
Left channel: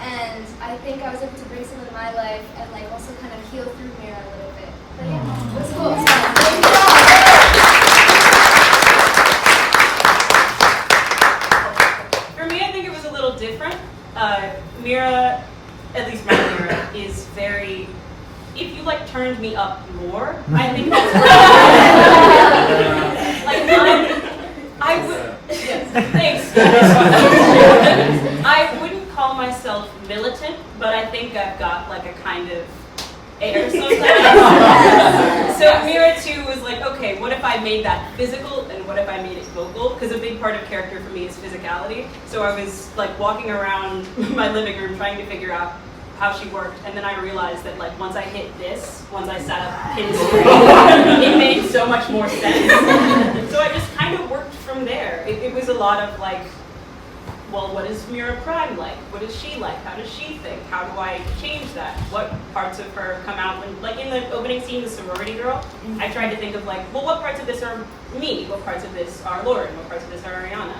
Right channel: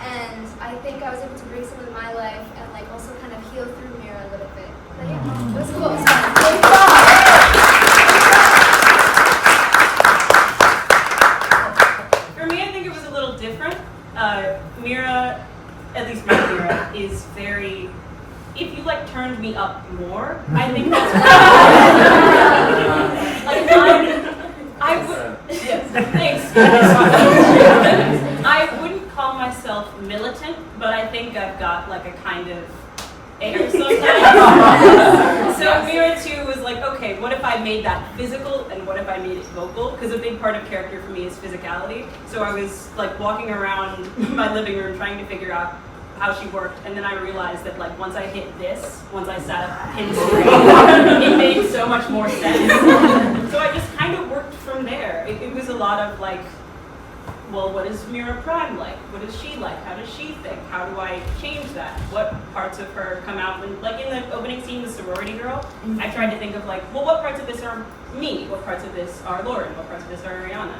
and I think I was able to bring some of my life and like also kind of heal through Mira a little bit. But yeah, it was cool. For me, I think it was a little different. Mira, at least my Mira, is very. If you like turned me up more, I think that's like I would. Yes, thanks. I wouldn't call myself militant, but I think I've got like a kind of air sometimes. So Mira too was like, okay, what if I made that physical and what if I made it vocal? Because a big part of character for me is physicality. So I was like walking around my living room trying to figure out how she worked, and then I realized that like once I hit this, once I sat up pin straight, it made so much more sense. So I just kind of worked from there. It was a lot of like, well, what is Mira Prime like? What is she like? How does she think? How do I change that? What parts of her come out when, like in the opening scene, the sorority girl, I tried to think of like, well, what parts of this are me? What parts of this are Lauren? What parts of this are Arianna?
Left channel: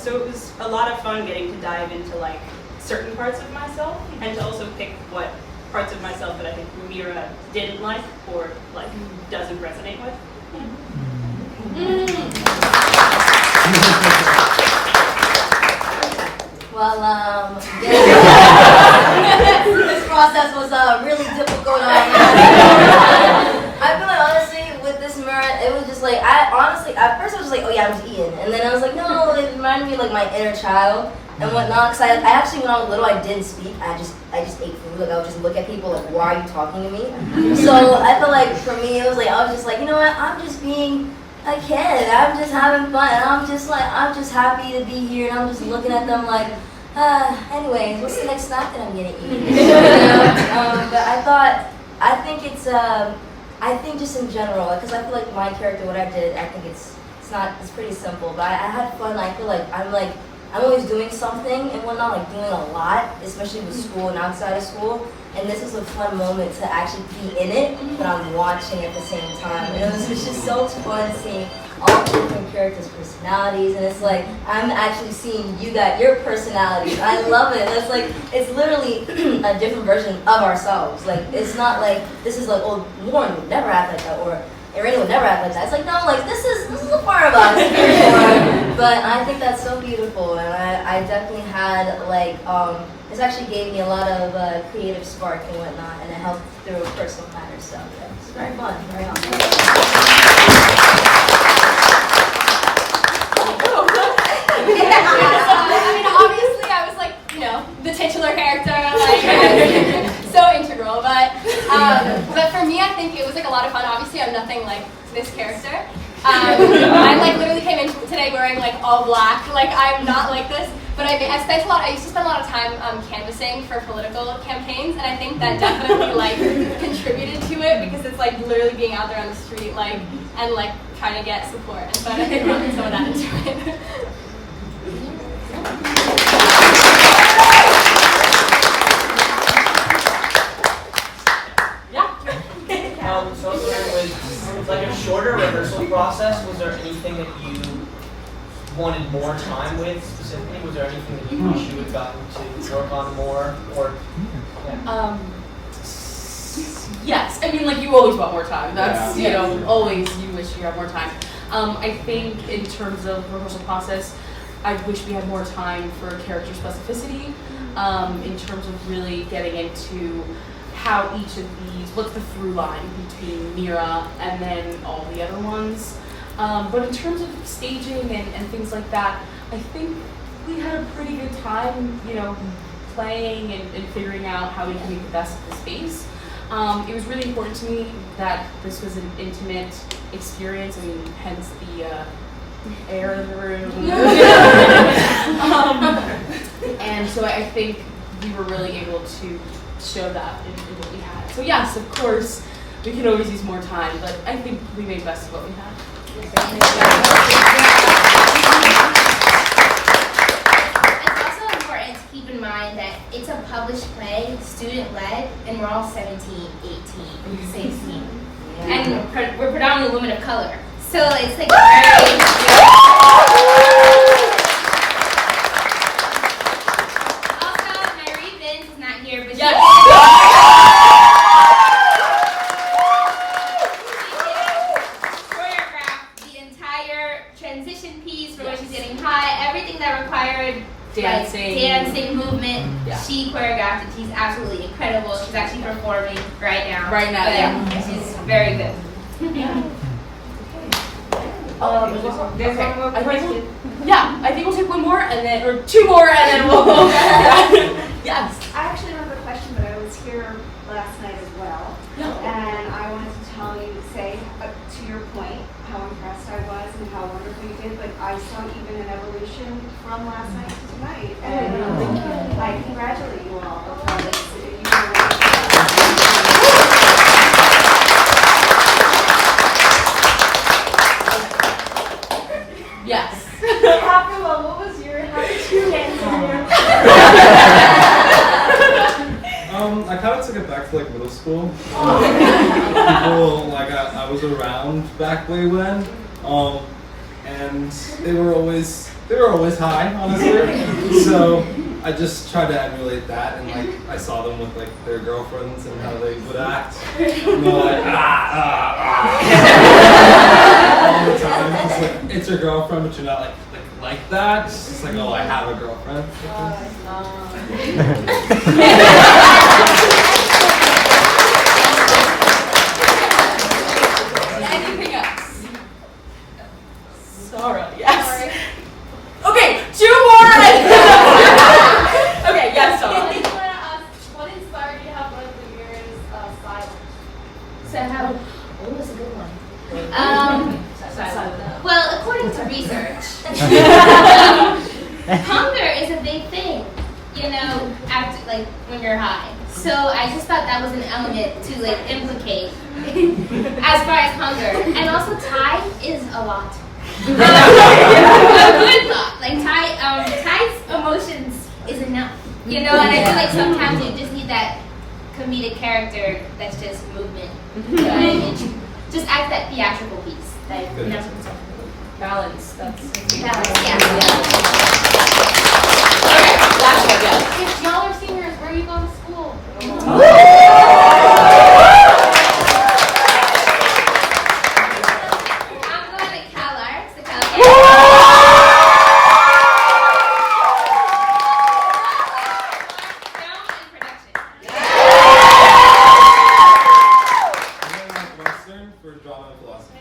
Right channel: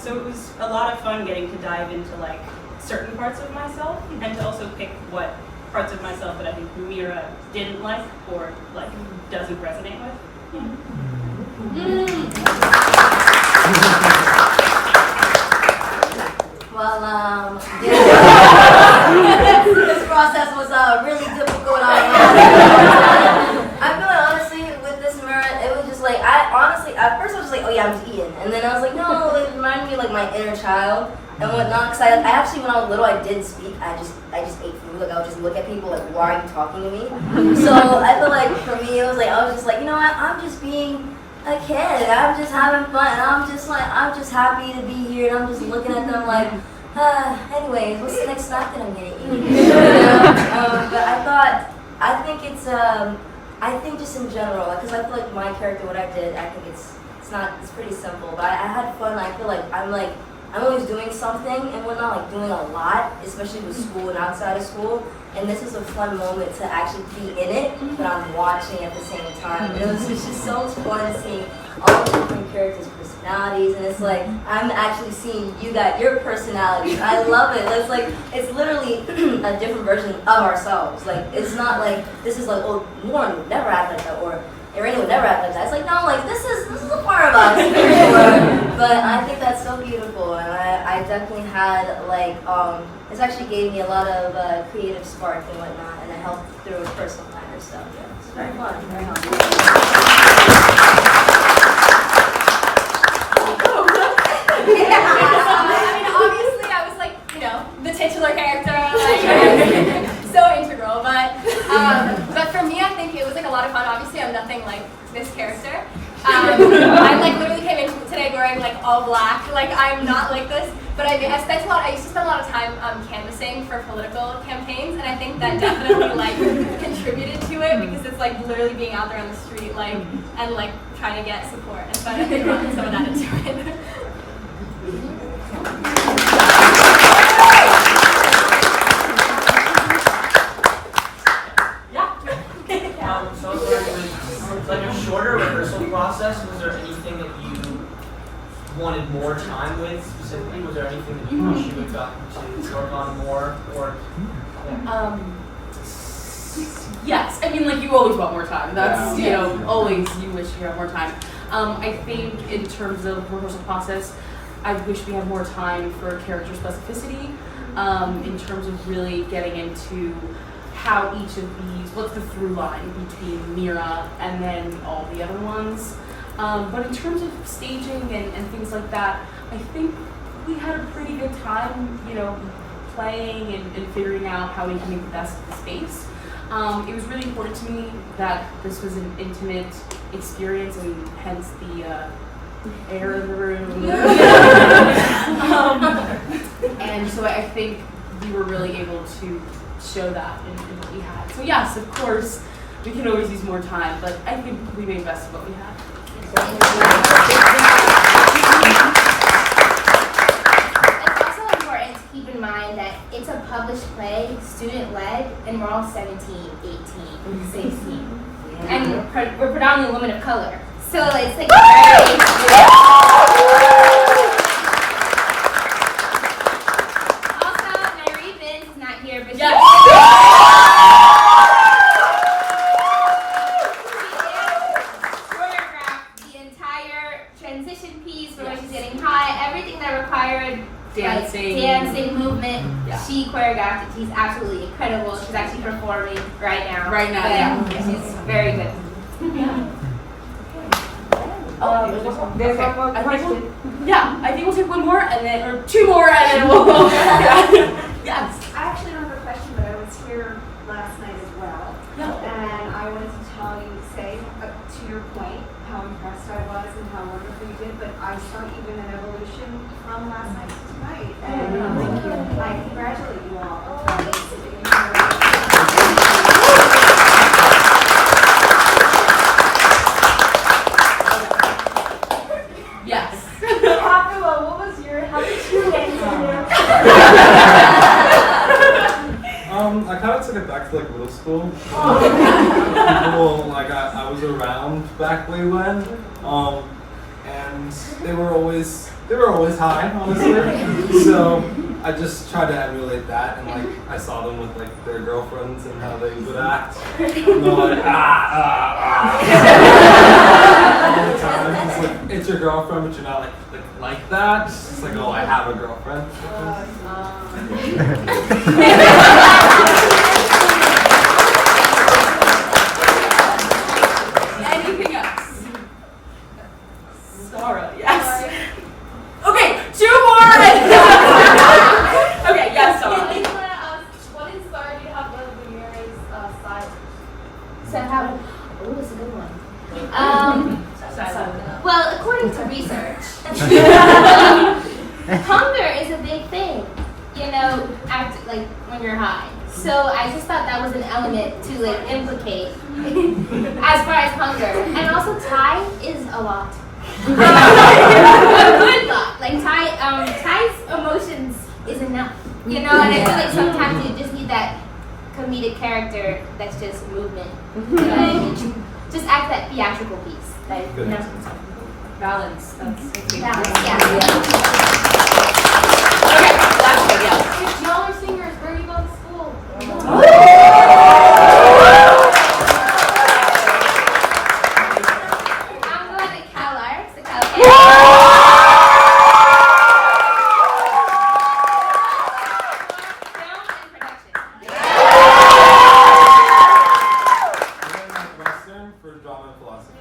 So it was a lot of fun getting to dive into like certain parts of myself, and to also pick what parts of myself that I think Mira didn't like or like doesn't resonate with. Well, this process was really difficult. I feel like honestly with this Mira, it was just like at first I was just like, oh yeah, I'm just eating, and then I was like, no, it reminded me of like my inner child and whatnot. Because I actually, when I was little, I didn't speak. I just ate food. Like I would just look at people like, why are you talking to me? So I felt like for me, it was like I was just like, you know what? I'm just being a kid. I'm just having fun, and I'm just happy to be here, and I'm just looking at them like, anyways, what's the next snack that I'm gonna eat? You know? But I think just in general, because I feel like my character, what I did, I think it's pretty simple. But I had fun. I feel like I'm always doing something and whatnot, like doing a lot, especially with school and outside of school. And this is a fun moment to actually be in it, but I'm watching at the same time. And it's just so fun seeing all the different characters' personalities, and it's like I'm actually seeing you got your personalities. I love it. It's literally a different version of ourselves. Like it's not like this is like, oh, Lauren would never act like that, or Raynah would never act like that. It's like, no, like this is a part of us. But I think that's so beautiful, and I definitely had like this actually gave me a lot of creative spark and whatnot, and it helped through personal matters. So yeah, it's very fun, very fun. I mean, obviously, I was like, you know, the titular character, like so integral. But for me, I think it was like a lot of fun. Obviously, I'm nothing like this character. I like literally came in today wearing like all black. Like I'm not like this. But I used to spend a lot of time canvassing for political campaigns, and I think that definitely like contributed to it, because it's like literally being out there on the street, like and like trying to get support. And so I think brought some of that into it. So it's like a shorter rehearsal process. Was there anything that you wanted more time with specifically? Was there anything that you wish you had gotten to work on more? Or yeah. Yes, I mean, like you always want more time. That's you know, always you wish you had more time. I think in terms of rehearsal process, I wish we had more time for character specificity. In terms of really getting into how each of these, what's the through line between Mira and then all the other ones. But in terms of staging and things like that, I think we had a pretty good time, playing and figuring out how we can make the best of the space. It was really important to me that this was an intimate experience, and hence the air in the room. And so I think we were really able to show that in what we had. So yes, of course, we can always use more time, but I think we made the best of what we had. It's also important to keep in mind that it's a published play, student-led, and we're all 17, 18, 16. And we're predominantly women of color. So it's like very... Also, Nyree is not here, but she choreographed the entire transition piece for when she's getting high, everything that required dancing movement. Yeah. She choreographed it. She's absolutely incredible. She's actually performing right now. Yeah. She's very good. There's one more question. I think we'll take one more, and then, or two more, and then we'll go back. Yes. I actually don't have a question, but I was here last night as well. And I wanted to say, to your point, how impressed I was and how wonderful you did, but I saw even an evolution from last night to tonight. And I congratulate you all. Yes. Kapila, how did you get here? I kind of took it back to like middle school. People, like I was around back way when, and they were always high, honestly. So I just tried to emulate that, and like I saw them with like their girlfriends and how they would act. And they're like all the time. It's like it's your girlfriend, but you're not like that. It's just like, oh, I have a girlfriend. Anything else? Sarah, yes. Okay, two more. Okay, yes, Sarah. What inspired you to have one of the Miras styles? So how? Oh, that's a good one. Well, according to research, hunger is a big thing. After when you're high. So I just thought that was an element to implicate as far as hunger. And also time is a lot. A good lot. Ty's emotions is enough. And I feel like sometimes you just need that comedic character that's just movement. Just act that theatrical piece. Balance. That's balance, yeah. Okay, last one, yeah. If y'all are seniors, where are you going to school? I'm going to Calo. Western for drama and philosophy.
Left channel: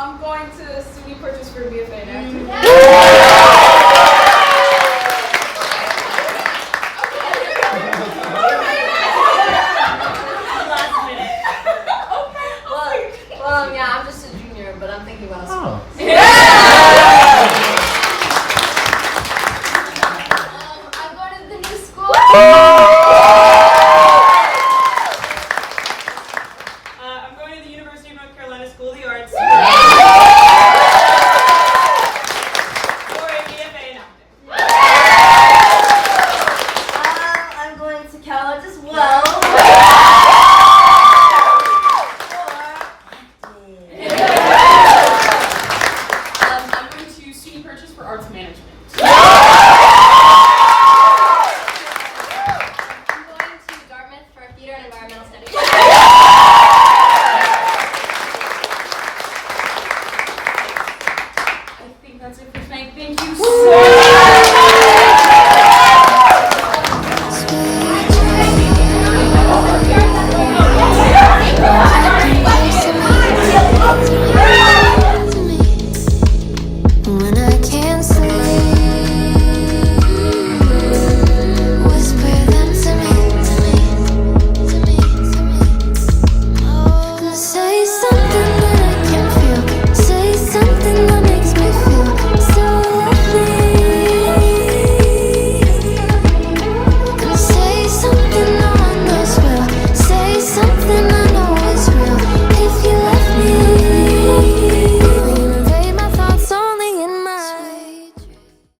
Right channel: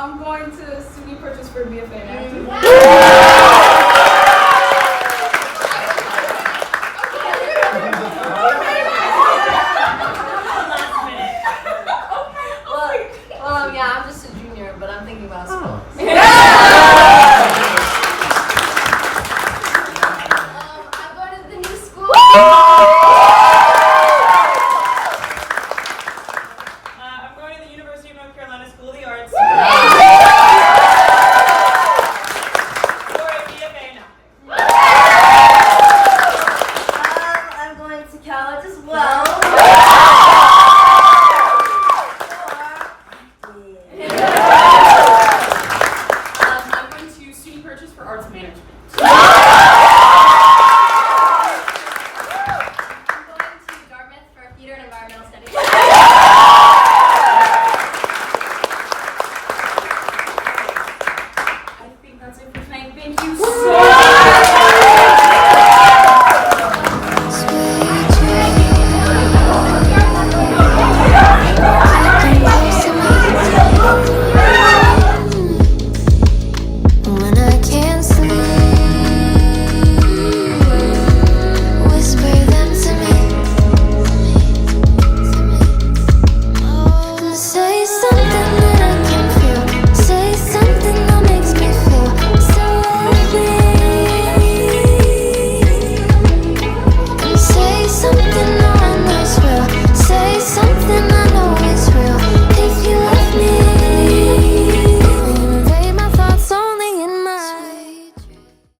I'm going to SUNY Purchase for BFA next. Yeah, I'm just a junior, but I'm thinking about school. I'm going to the new school. I'm going to the University of North Carolina School of the Arts.